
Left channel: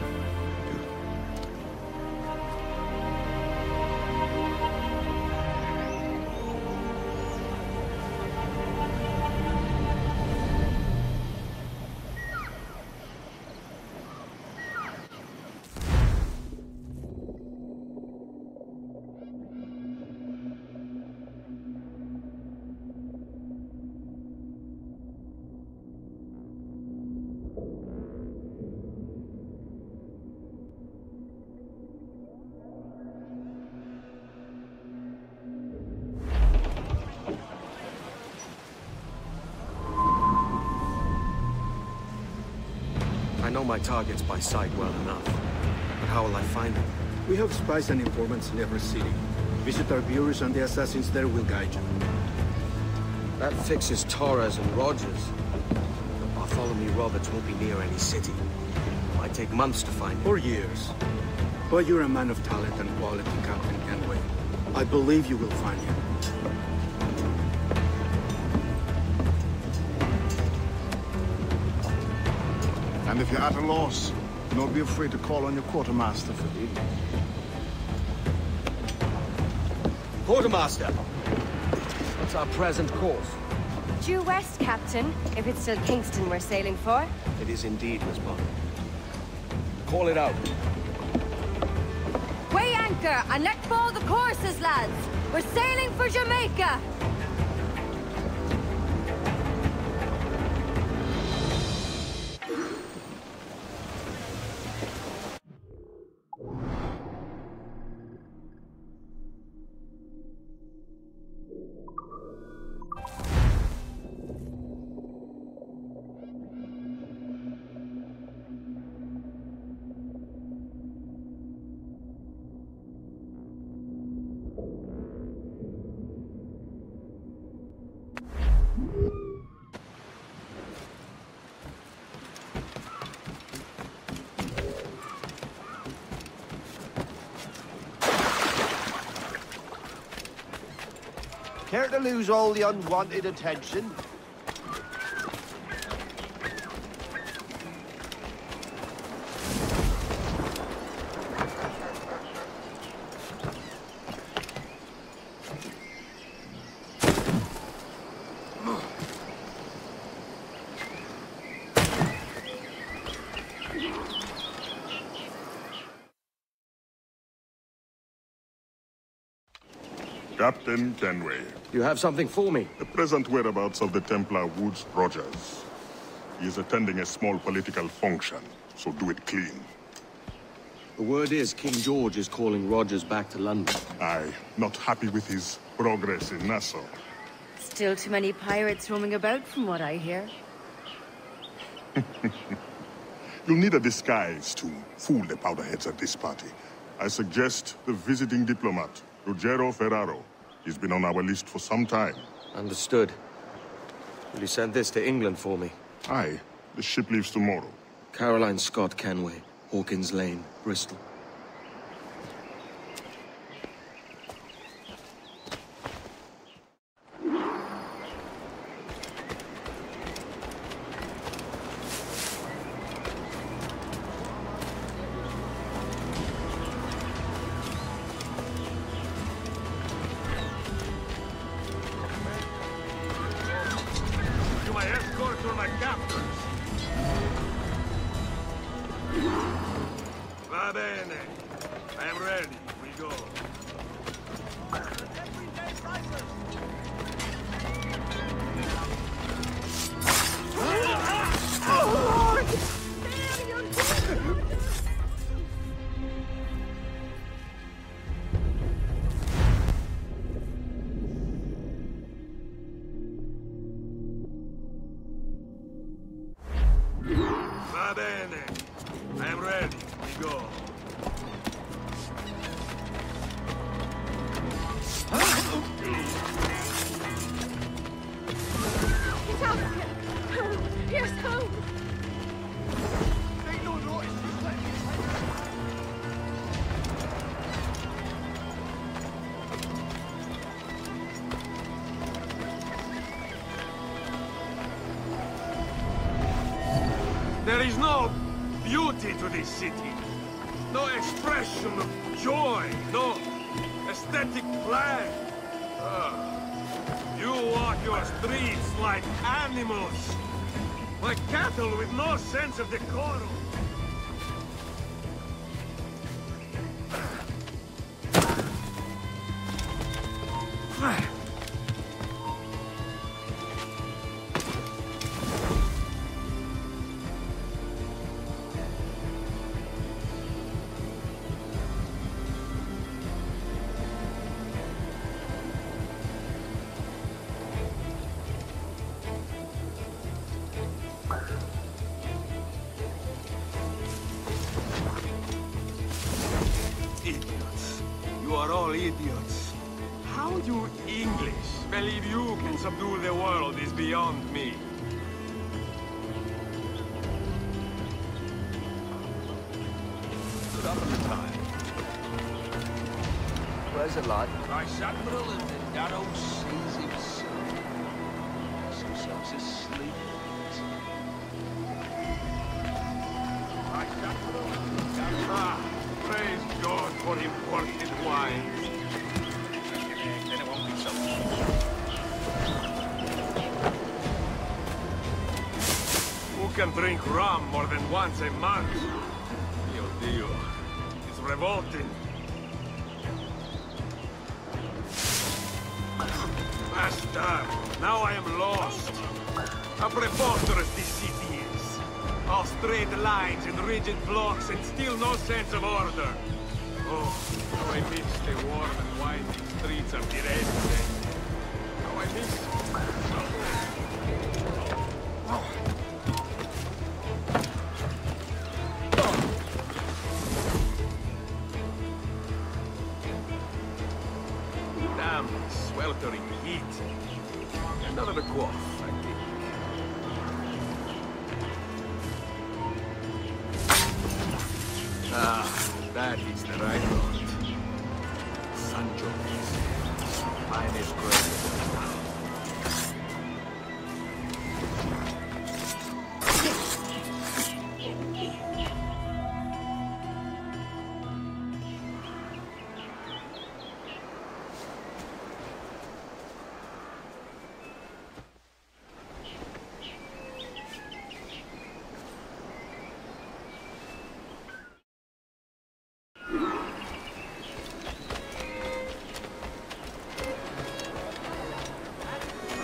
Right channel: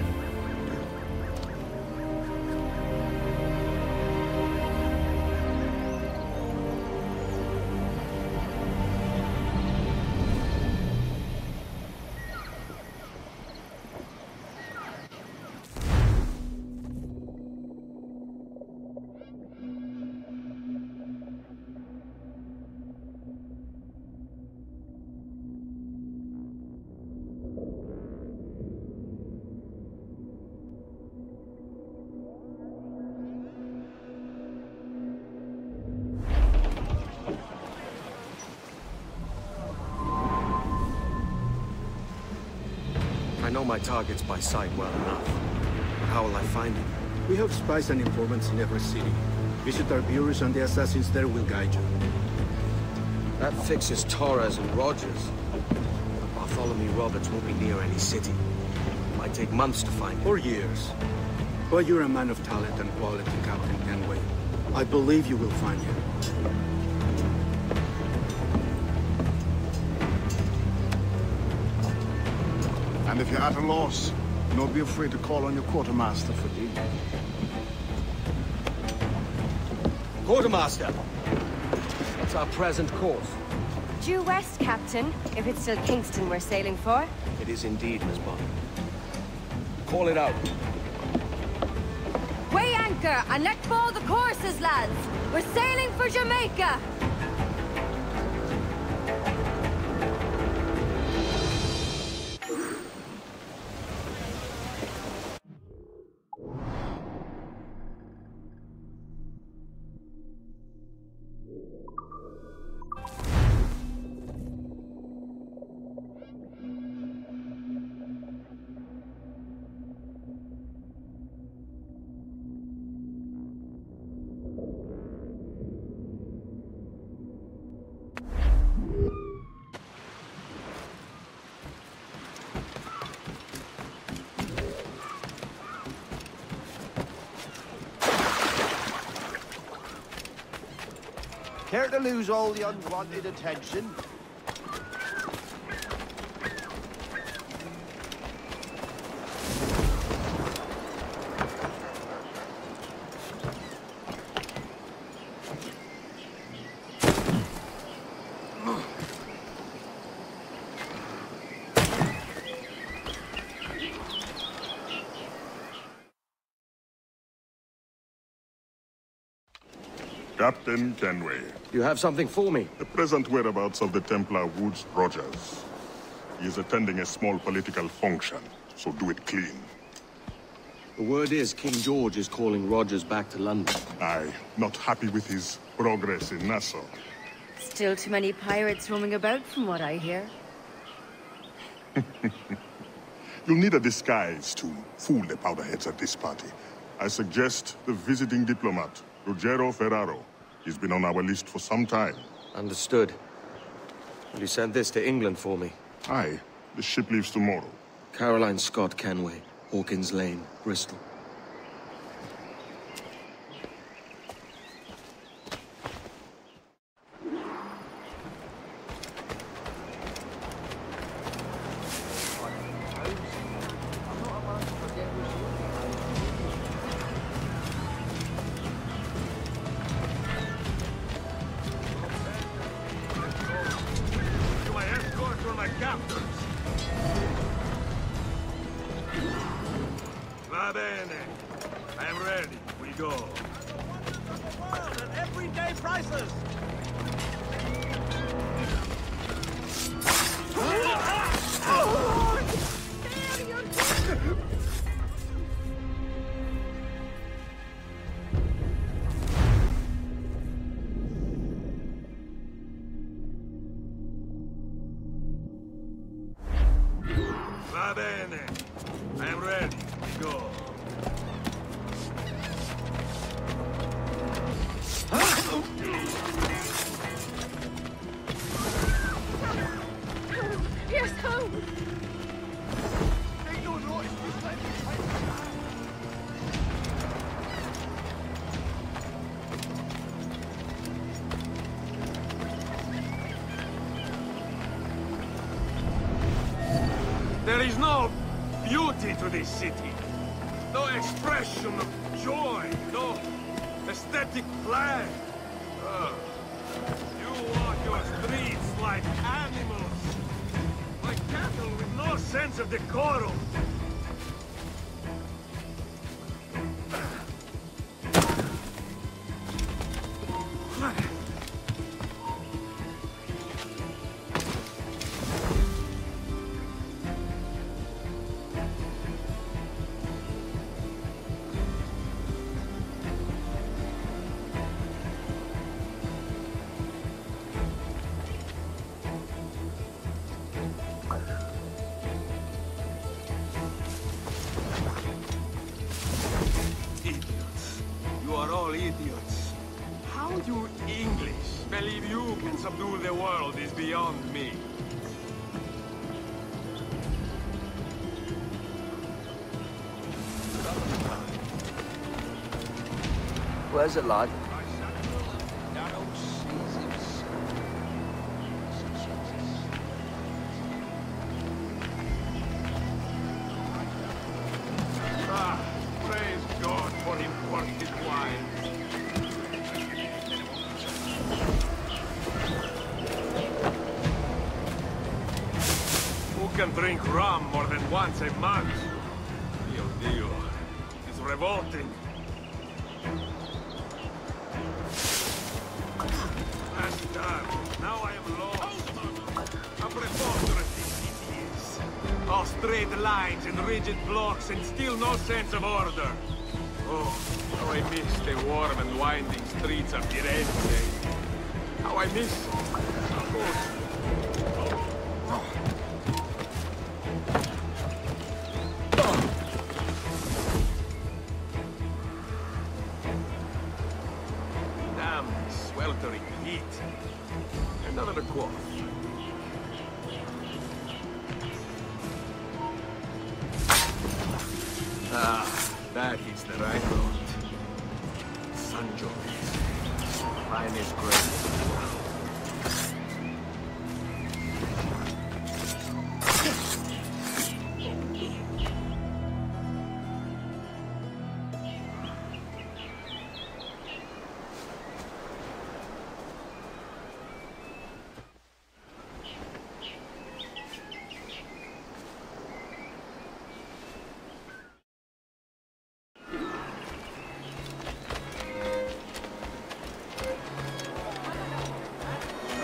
I know my targets by sight well enough, but how will I find them? We have spies and informants in every city. Visit our bureaus and the assassins there will guide you. That fixes Torres and Rogers. But Bartholomew Roberts won't be near any city. Might take months to find him. Or years. But you're a man of talent and quality, Captain Kenway. I believe you will find him. And if you're at a loss, do not be afraid to call on your quartermaster for aid. Quartermaster! What's our present course? Due west, Captain, if it's still Kingston we're sailing for. It is indeed, Miss Bonny. Call it out. Weigh anchor and let fall the courses, lads! We're sailing for Jamaica! Care to lose all the unwanted attention? Captain Kenway. You have something for me? The present whereabouts of the Templar Woods Rogers. He is attending a small political function, so do it clean. The word is King George is calling Rogers back to London. Aye, not happy with his progress in Nassau. Still too many pirates roaming about from what I hear. You'll need a disguise to fool the powderheads at this party. I suggest the visiting diplomat, Ruggiero Ferraro. He's been on our list for some time. Understood. Will you send this to England for me? Aye. The ship leaves tomorrow. Caroline Scott Kenway, Hawkins Lane, Bristol. My captors. Va bene. I am ready. We go. Everyday prices. Va bene. I am ready. We go. There is no beauty to this city. No expression of joy. No aesthetic plan. You walk your streets like animals. Like cattle with no sense of decorum. Idiots. You are all idiots. How you English believe you can subdue the world is beyond me. Stood up in the time. Where's it, lad? I sat Ah, praise God for imported wines. Who can drink rum more than once a month? Dio Dio, it is revolting. Bastard, now I am lost. How preposterous this city is. All straight lines and rigid blocks and still no sense of order. Oh, how I miss the warm and winding streets of Firenze. How I miss it. Damn this sweltering heat. Another quaff, I think. Ah, that hits the right note. San Giorgio. finest grain.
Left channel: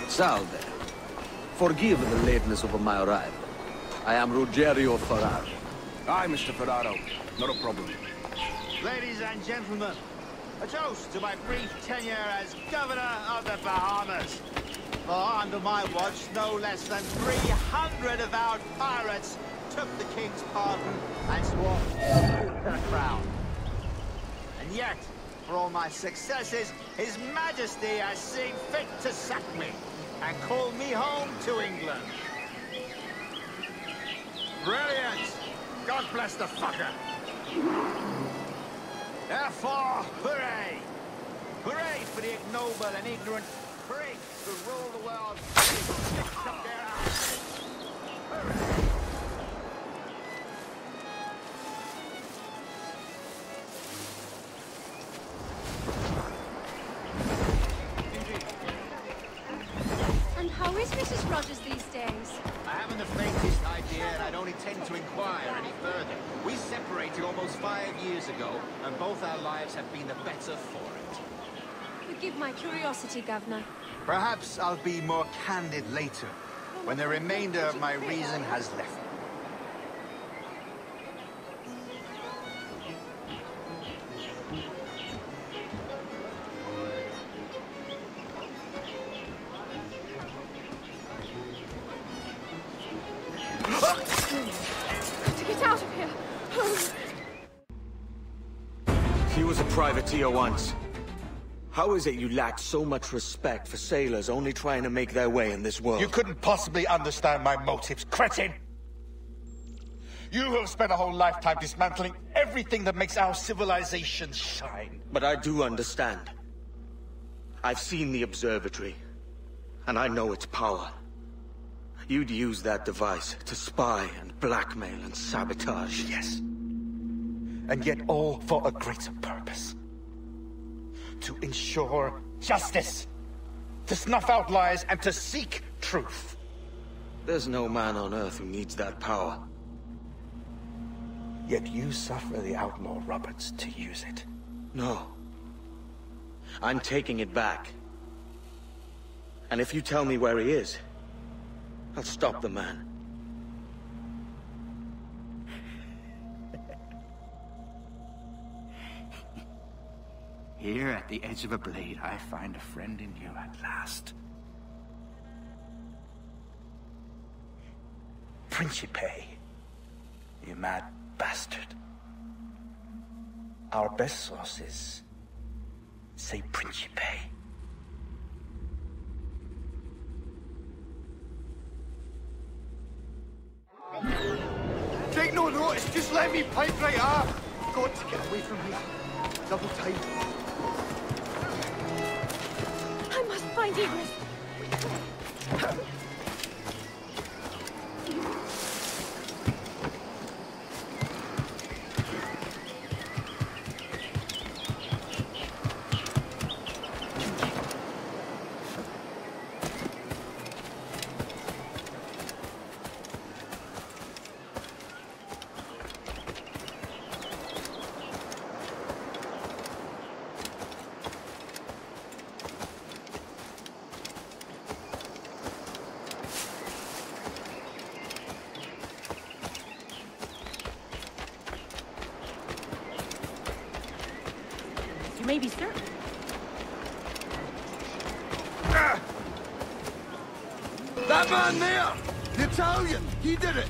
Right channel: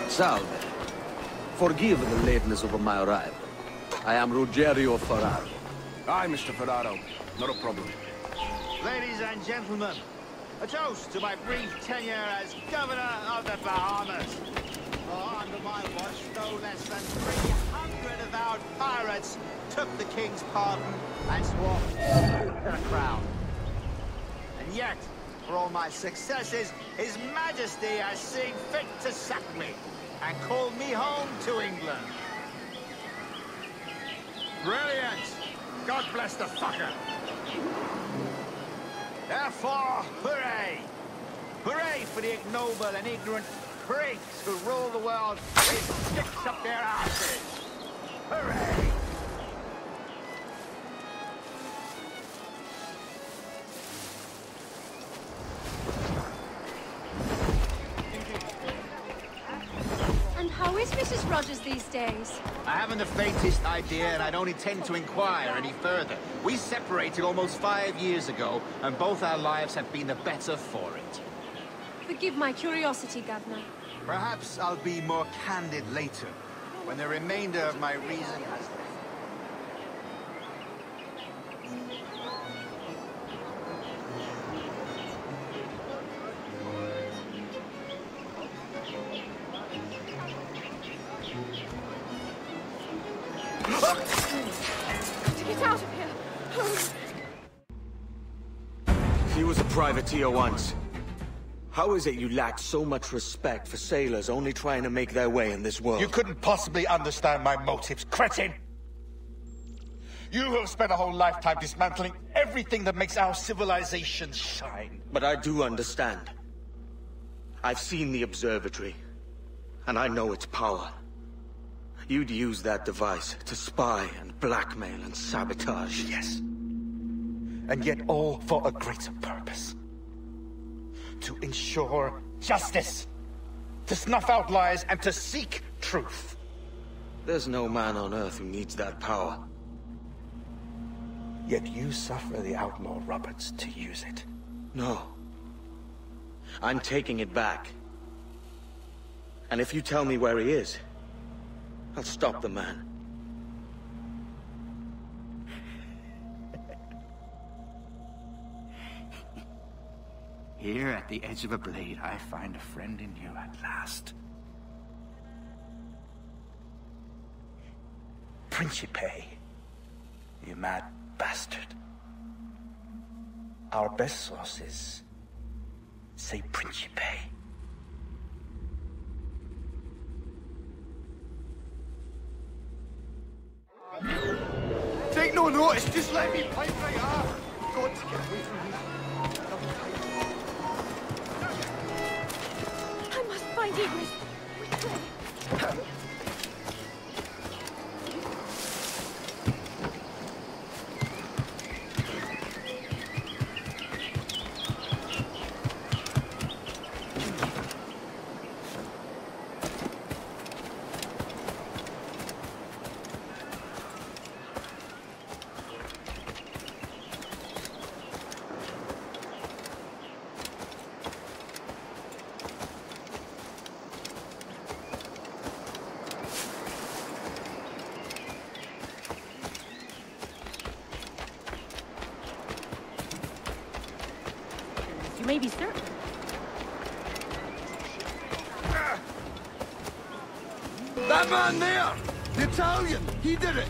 Salve. Forgive the lateness of my arrival. I am Ruggiero Ferraro. Ladies and gentlemen, a toast to my brief tenure as Governor of the Bahamas. For under my watch, no less than 300 avowed pirates took the King's pardon and swore to the crown. And yet, for all my successes, His Majesty has seen fit to sack me and call me home to England. Brilliant! God bless the fucker! Therefore, hooray! Hooray for the ignoble and ignorant pricks who rule the world with sticks up their asses! Hooray! And how is Mrs. Rogers these days? I haven't the faintest idea, and I don't intend to inquire any further. We separated almost 5 years ago, and both our lives have been the better for it. Forgive my curiosity, Governor. Perhaps I'll be more candid later, when the remainder of my reason has left me. Got to get out of here. He was a privateer once. How is it you lack so much respect for sailors only trying to make their way in this world? You couldn't possibly understand my motives, cretin! You have spent a whole lifetime dismantling everything that makes our civilization shine. But I do understand. I've seen the observatory, and I know its power. You'd use that device to spy and blackmail and sabotage. Yes. And yet all for a greater purpose. To ensure justice. To snuff out lies and to seek truth. There's no man on Earth who needs that power. Yet you suffer the outlaw Roberts to use it. No. I'm taking it back. And if you tell me where he is, I'll stop the man. Here at the edge of a blade, I find a friend in you at last. Principe, you mad bastard. Our best sources say Principe. Take no notice, just let me pipe right up. Got to get away from here. Double time. Maybe, sir. That man there! The Italian! He did it!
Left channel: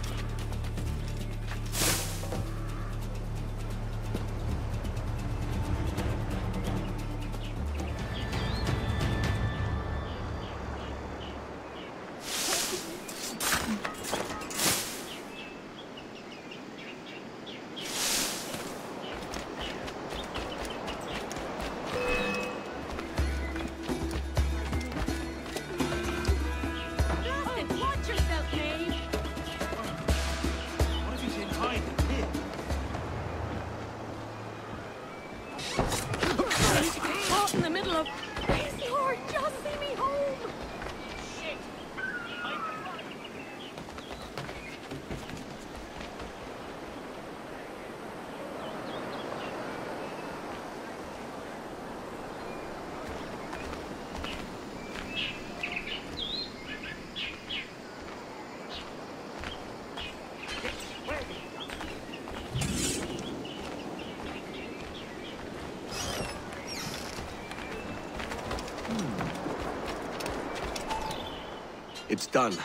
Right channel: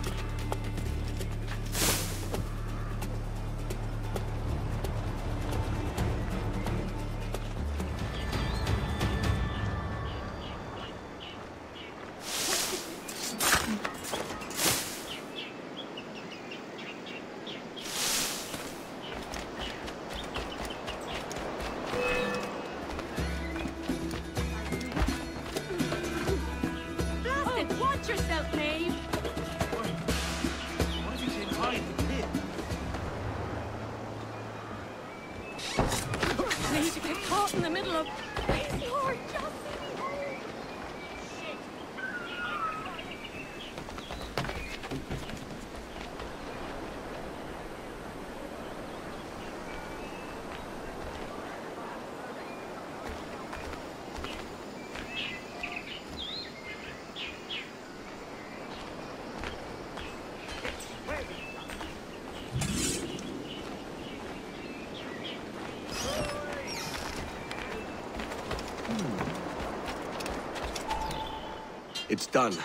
It's done.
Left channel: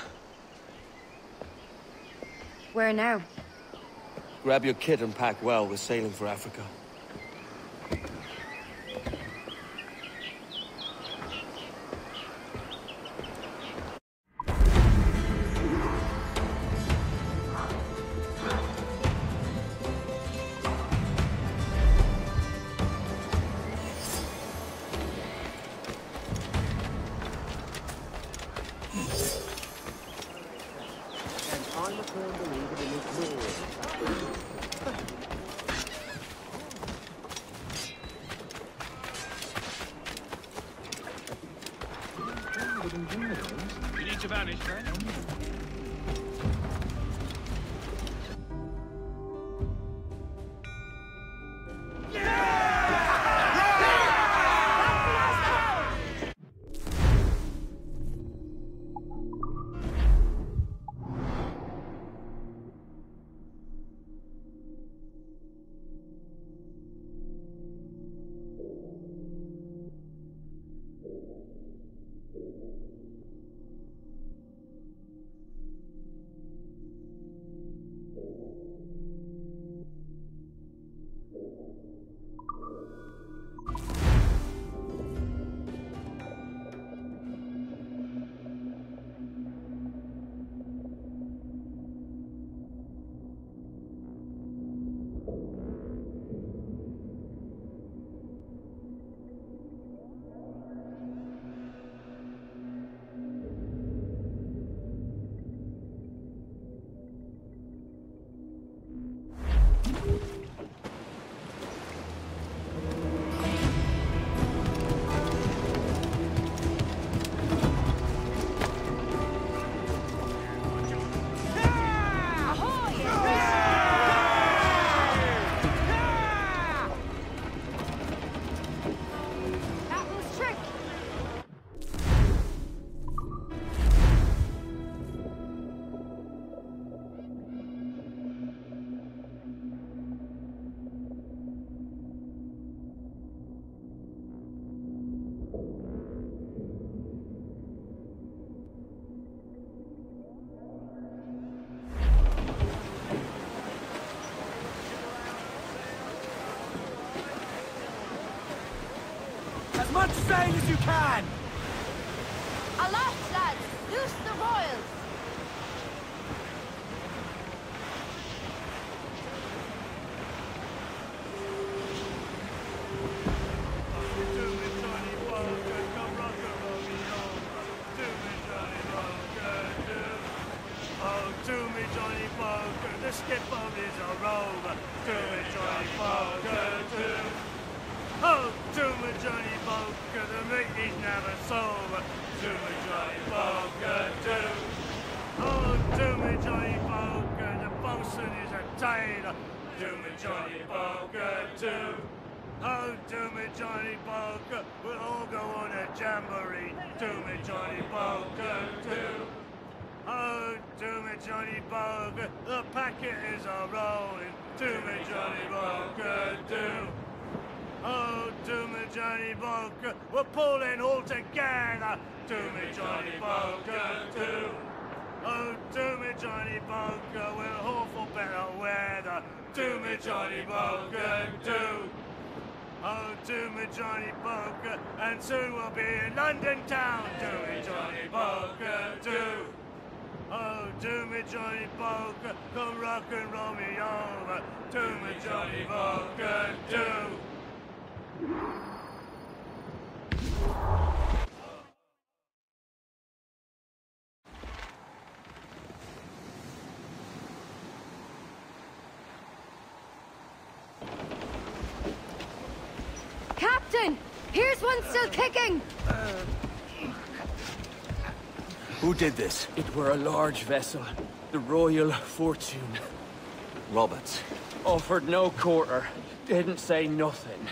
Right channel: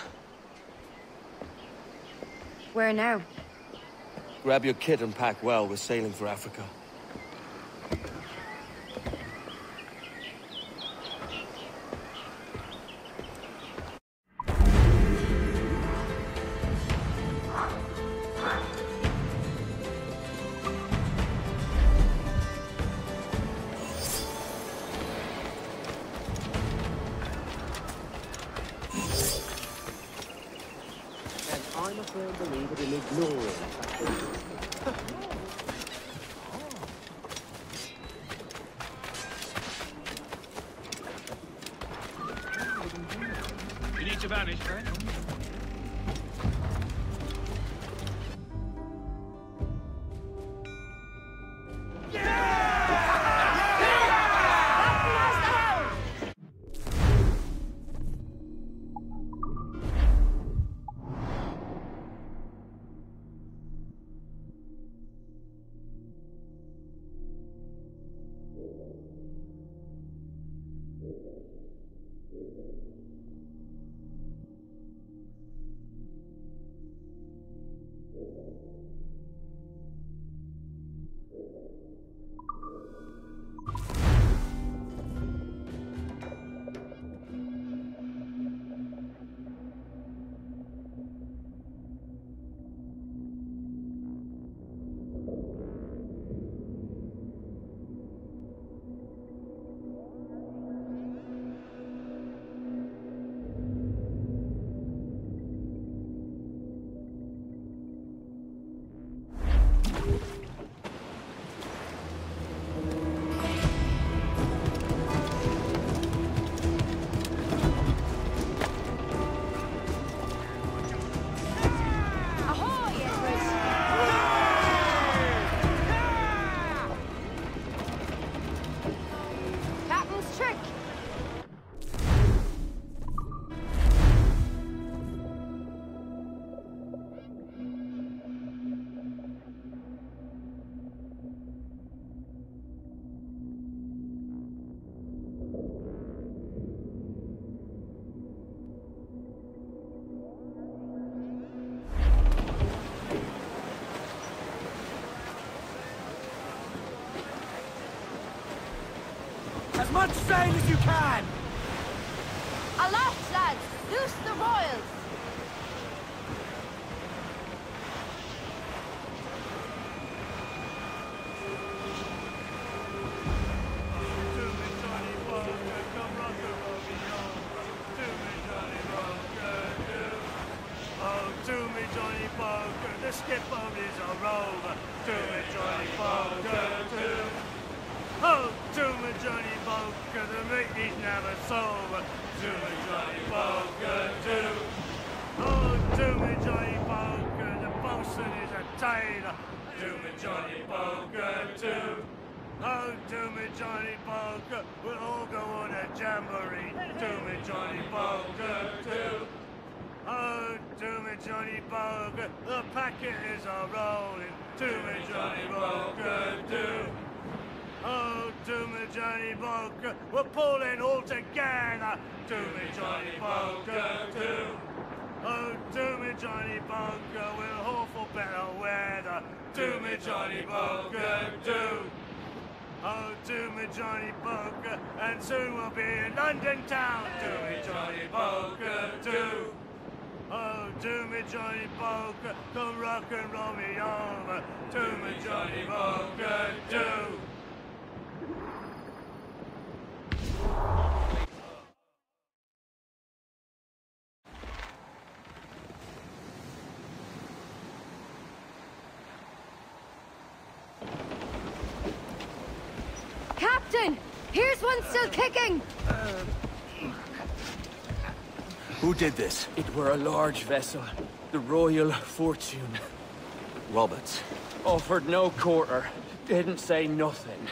Where now? Grab your kit and pack well. We're sailing for Africa. I'm a firm believer in ignorance. As much sail as you can! Aloft, lads! Loose the royals! We're pulling all together. Do me, Johnny Poker, do. Oh, do me, Johnny Poker. We'll hope for better weather. Do me, Johnny Poker, do. Oh, do me, Johnny Poker. And soon we'll be in London town. Do me, Johnny Poker, do. Oh, do me, Johnny Poker. Come rock and roll me over. Do me, Johnny Poker, do. Captain! Here's one still kicking! Who did this? It were a large vessel, the Royal Fortune. Roberts. Offered no quarter, didn't say nothing.